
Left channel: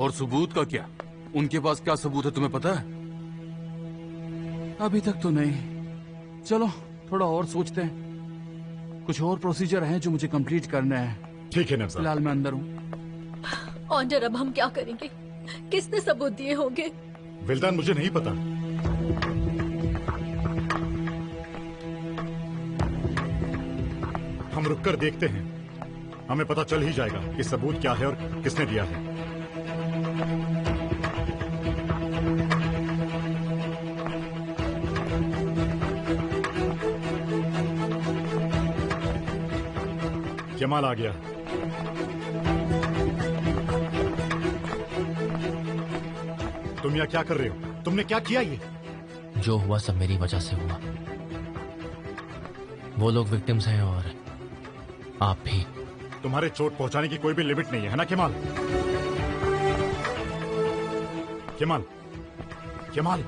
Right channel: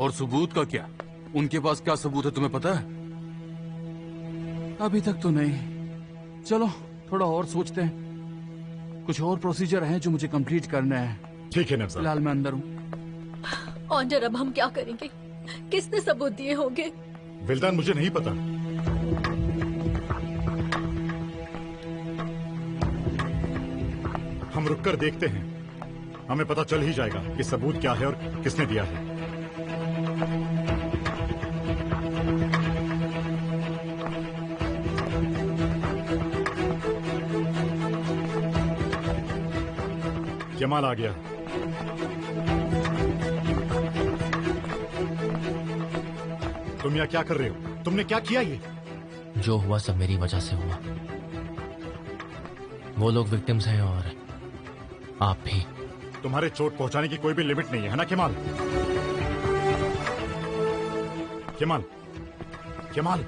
और सबूत का क्या? उनके पास क्या सबूत है तुम्हें पता है? अभी तक तो नहीं। चलो थोड़ा और सोचते हैं। कुछ और प्रोसीजर हैं जो मुझे कंप्लीट करना है। ठीक है नफसा। फिलहाल मैं अंदर हूँ। ऑन्डर, अब हम क्या करेंगे? किसने सबूत दिए होंगे? विल्दान, मुझे नहीं पता। हम रुककर देखते हैं, हमें पता चल ही जाएगा कि सबूत क्या है और किसने दिया है। केमाल आ गया। तुम यहाँ क्या कर रहे हो? तुमने क्या किया ये? जो हुआ सब मेरी वजह से हुआ। वो लोग विक्टिम्स हैं और आप भी। तुम्हारे चोट पहुंचाने की कोई भी लिमिट नहीं है ना केमाल? केमाल, केमाल,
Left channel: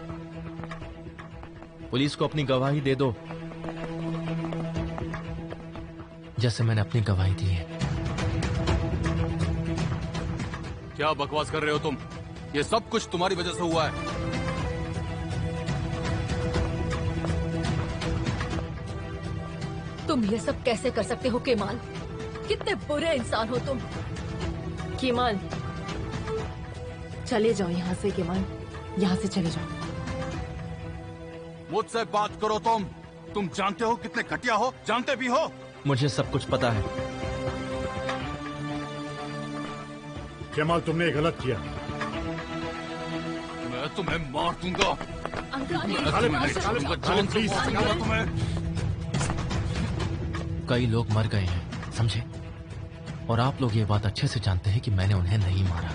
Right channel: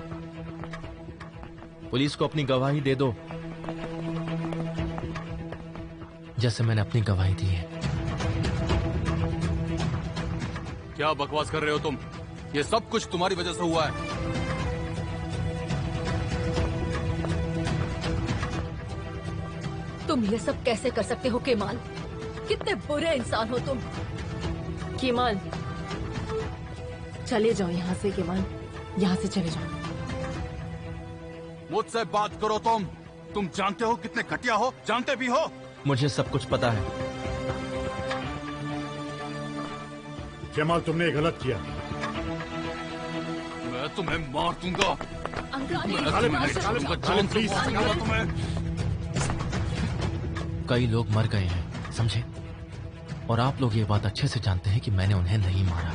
पुलिस को अपनी गवाही दे दो, जैसे मैंने अपनी गवाही दी है। क्या बकवास कर रहे हो तुम? ये सब कुछ तुम्हारी वजह से हुआ है। तुम ये सब कैसे कर सकते हो केमाल? कितने बुरे इंसान हो तुम। केमाल, चले जाओ यहाँ से। केमाल, यहाँ से चले जाओ। मुझसे बात करो तुम जानते हो कितने घटिया हो? जानते भी हो? मुझे सब कुछ पता है। केमाल, तुमने गलत किया। मैं तुम्हें मार दूंगा। प्लीज। कई लोग मर गए हैं, समझे? और आप लोग ये बात अच्छे से जानते हैं कि मैंने उन्हें नहीं मारा।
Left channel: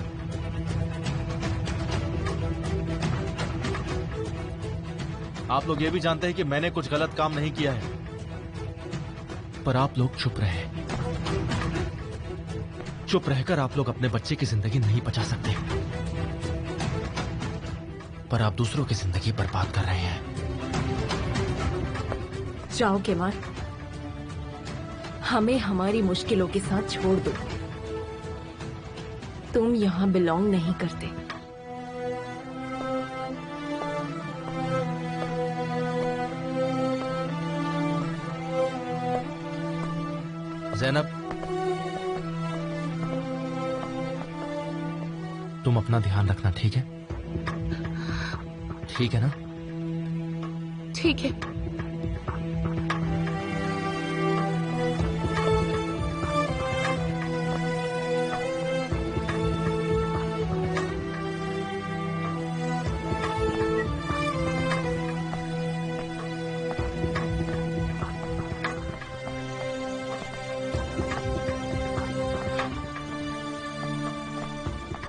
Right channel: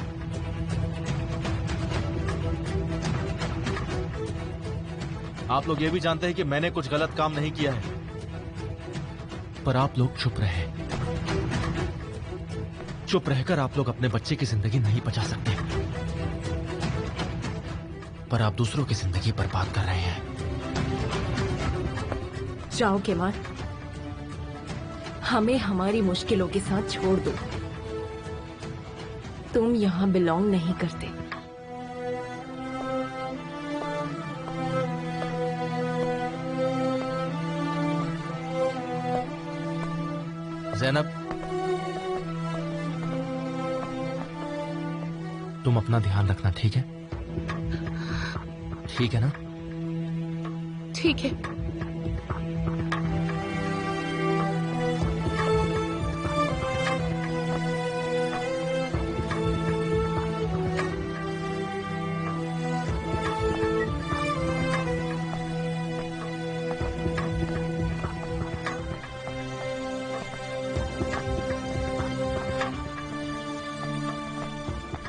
आप लोग ये भी जानते हैं कि मैंने कुछ गलत काम नहीं किया है, पर आप लोग चुप रहे। चुप रहकर आप लोग अपने बच्चे की जिंदगी नहीं बचा सकते, पर आप दूसरों की जिंदगी बर्बाद कर रहे हैं। जाओ केमाल, हमें हमारी मुश्किलों के साथ छोड़ दो। तुम यहाँ बिलोंग नहीं करते। ज़ैनब, तुम अपना ध्यान रखना, ठीक है? ठीक है ना? ठीक है।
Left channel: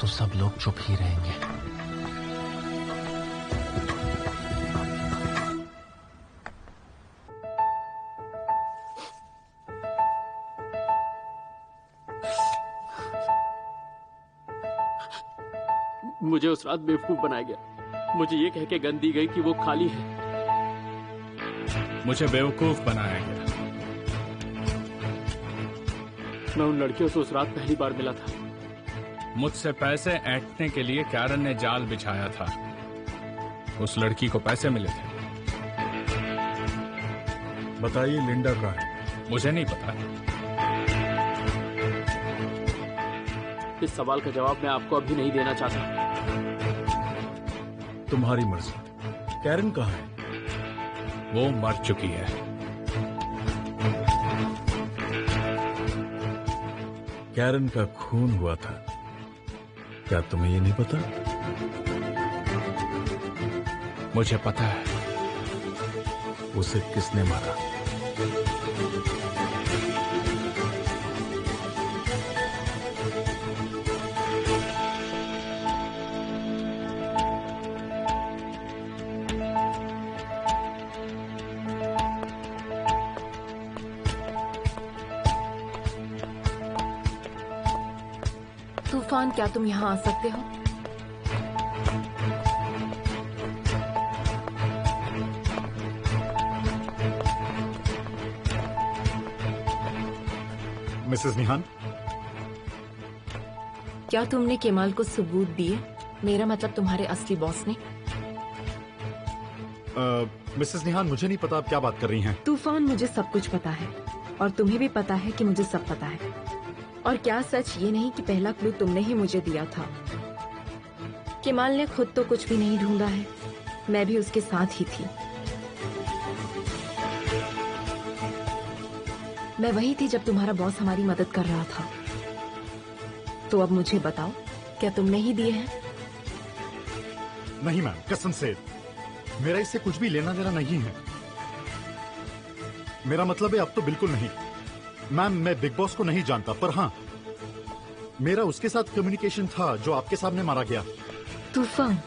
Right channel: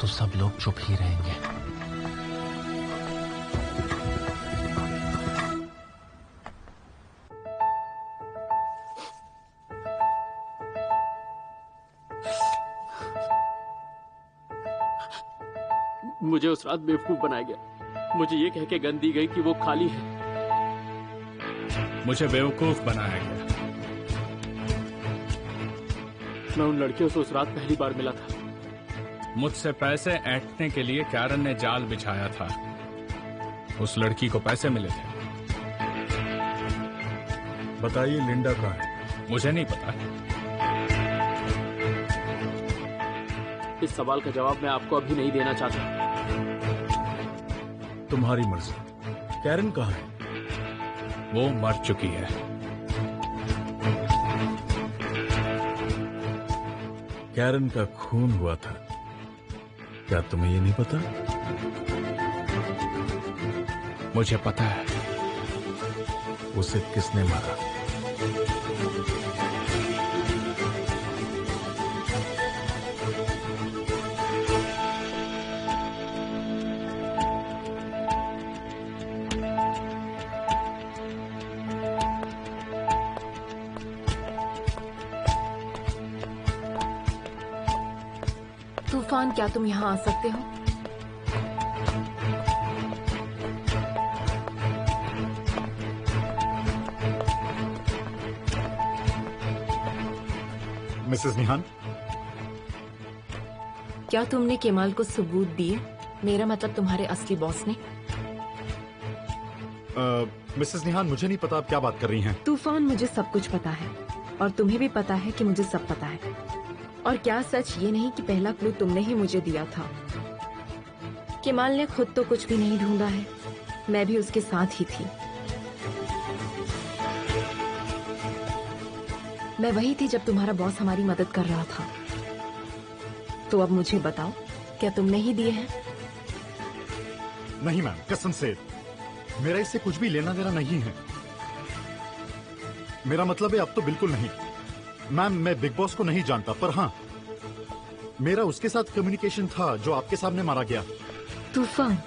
तो सब लोग चुप ही रहेंगे। मुझे उस रात बेवकूफ बनाया गया। मुझे ये कह के गन दी गई कि वो खाली है। मुझे बेवकूफ बनाया गया। मैं उन लड़कियों से उस रात पहली बार मिला था। मुझसे पैसे ऐंठने के लिए कैरन ने जाल बिछाया था। उस लड़की को पैसे मिले थे। बताइए, लिंडा कहाँ है? मुझे नहीं पता। इस सवाल का जवाब मैं आपको अभी नहीं देना चाहता। तुम्हारी मर्जी। कैरन कहाँ है? वो मर चुकी है। कैरन का खून हुआ था, क्या तुम्हें ये नहीं पता? मुझे पता है। उसे किसने मारा? तूफान, क्या तुम यहाँ आ सकते हो? मिसेस निहान, क्या तुमने केमाल को सबूत दिए? मेरा मतलब तुम्हारे असली बॉस ने। मिसेस निहान, मुझे नहीं पता आप क्या बात कर रही हैं। तूफान, मुझे सब कुछ पता है और तुम्हें भी पता है कि मुझे सब पता है। और क्या सच ये नहीं कि पहला क्लू तुमने ही मुझे दिया था? केमाल ने खुद तो कुछ भी नहीं ढूंढा है, मैं भी उसके साथ ही थी। मैं वही थी जब तुम्हारा बॉस हमारी मदद कर रहा था। तो अब मुझे बताओ, क्या तुमने ही दिए हैं? नहीं मैम, कसम से मेरा इससे कुछ भी लेना देना नहीं है। मेरा मतलब है अब तो बिल्कुल नहीं। मैम मैं बिग बॉस को नहीं जानता, पर हाँ मेरा उसके साथ कम्युनिकेशन था जो आपके सामने मारा गया। तूफान,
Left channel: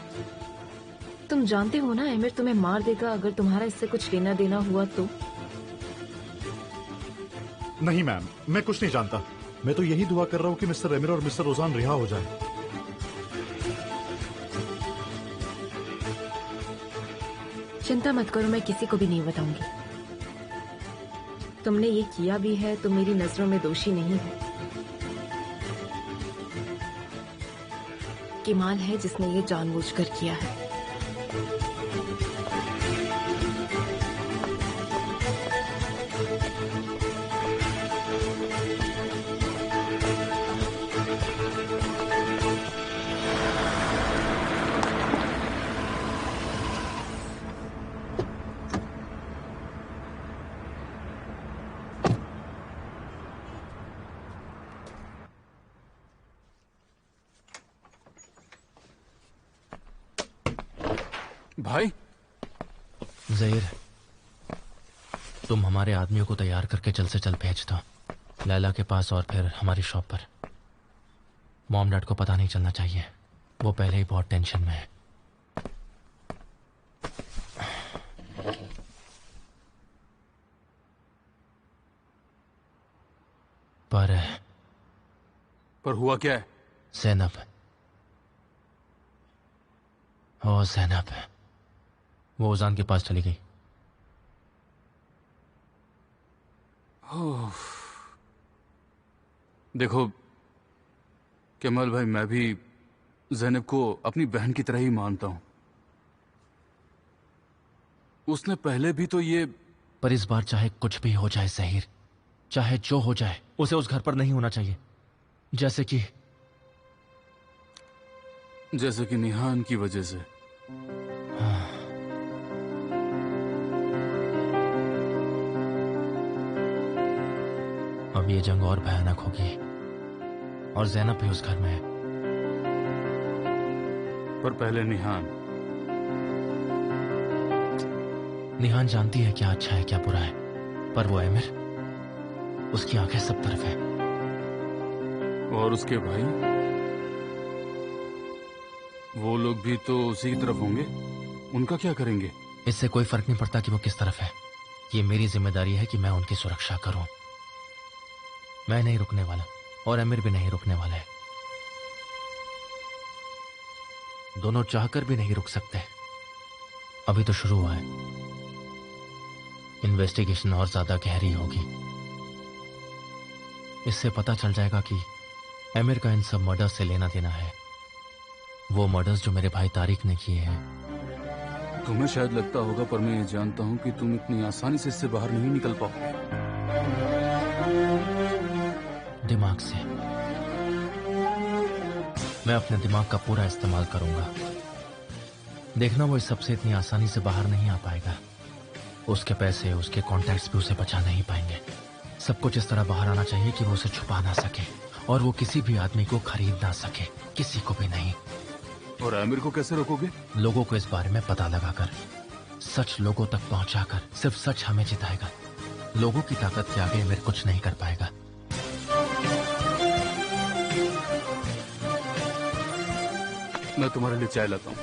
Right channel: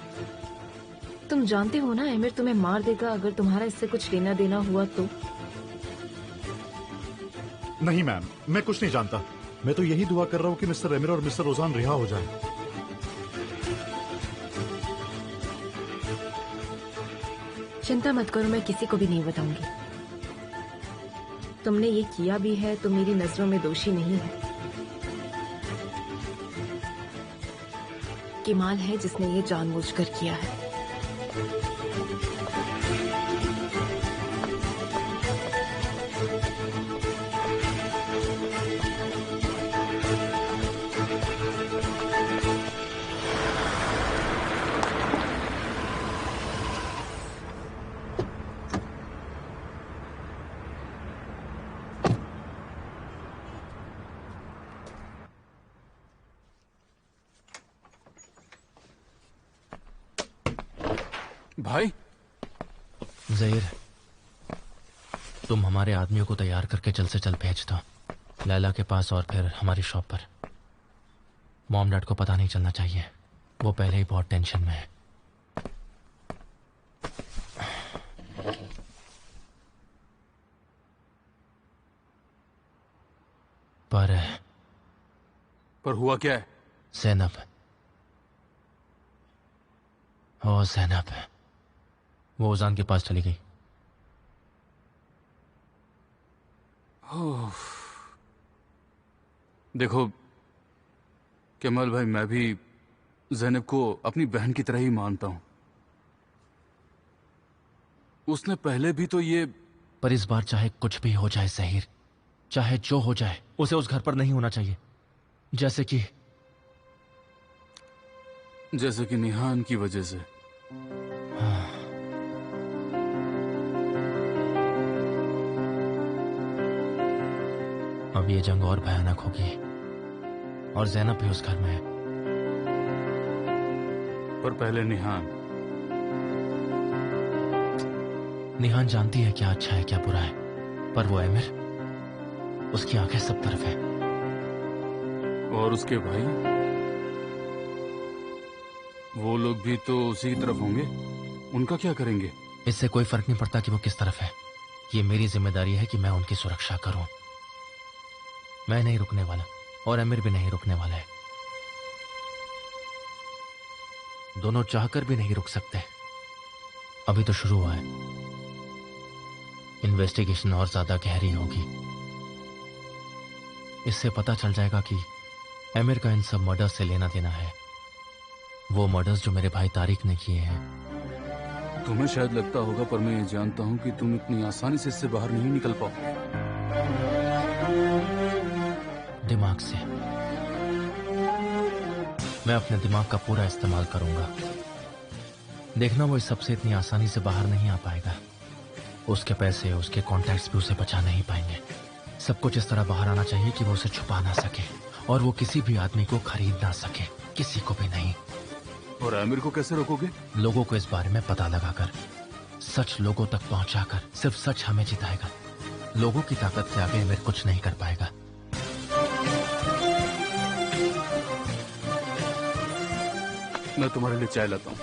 तुम जानते हो ना एमिर तुम्हें मार देगा अगर तुम्हारा इससे कुछ लेना देना हुआ तो। नहीं मैम, मैं कुछ नहीं जानता। मैं तो यही दुआ कर रहा हूँ कि मिस्टर एमिर और मिस्टर ओजान रिहा हो जाए। चिंता मत करो, मैं किसी को भी नहीं बताऊंगी। तुमने ये किया भी है तो मेरी नजरों में दोषी नहीं हो। किमाल है जिसने ये जानबूझकर किया है। भाई ज़हीर, तुम हमारे आदमियों को तैयार करके जल्द से जल्द भेज दो लैला के पास और फिर हमारी शॉप पर। मॉम डैड को पता नहीं चलना चाहिए, वो पहले ही बहुत टेंशन में है। पर हुआ क्या है? ज़ैनब, ओ ज़ैनब, वो ओजान के पास चली गई। देखो कमल भाई, मैं भी ज़ैनब को अपनी बहन की तरह ही मानता हूं। उसने पहले भी तो ये। पर इस बार चाहे कुछ भी हो जाए ज़हीर, चाहे जो हो जाए, उसे उस घर पर नहीं होना चाहिए। जैसे कि निहान की वजह से। हाँ। अब ये जंग और भयानक होगी और ज़ैनब भी उस घर में है। पर पहले निहान जानती है क्या अच्छा है क्या बुरा है, पर वो एमिर, उसकी आंखें सब तरफ है। और उसके भाई, वो लोग भी तो उसी की तरफ होंगे। उनका क्या करेंगे? इससे कोई फर्क नहीं पड़ता कि वो किस तरफ है। ये मेरी जिम्मेदारी है कि मैं उनकी सुरक्षा करूं। मैं नहीं रुकने वाला और एमिर भी नहीं रुकने वाला है। दोनों चाहकर भी नहीं रुक सकते। अभी तो शुरू हुआ है, इन्वेस्टिगेशन और ज्यादा गहरी होगी। इससे पता चल जाएगा कि एमिर का इन सब मर्डर्स से लेना देना है, वो मर्डर्स जो मेरे भाई तारिक ने किए हैं। तुम्हें शायद लगता होगा, पर मैं ये जानता हूं कि तुम इतनी आसानी से इससे बाहर नहीं निकल पाओगे। दिमाग से। मैं अपने दिमाग का पूरा इस्तेमाल करूंगा। देखना, वो इस सबसे इतनी आसानी से बाहर नहीं आ पाएगा। उसके पैसे, उसके कॉन्टैक्ट्स भी उसे बचा नहीं पाएंगे। सब कुछ इस तरह बाहर आना चाहिए कि वो उसे छुपा ना सके और वो किसी भी आदमी को खरीद ना सके, किसी को भी नहीं। और आमिर को कैसे रोकोगे? लोगों को इस बारे में पता लगाकर, सच लोगों तक पहुंचाकर। सिर्फ सच हमें जिताएगा। लोगों की ताकत से आगे आमिर कुछ नहीं कर पाएगा। मैं तुम्हारे लिए चाय लाता हूं।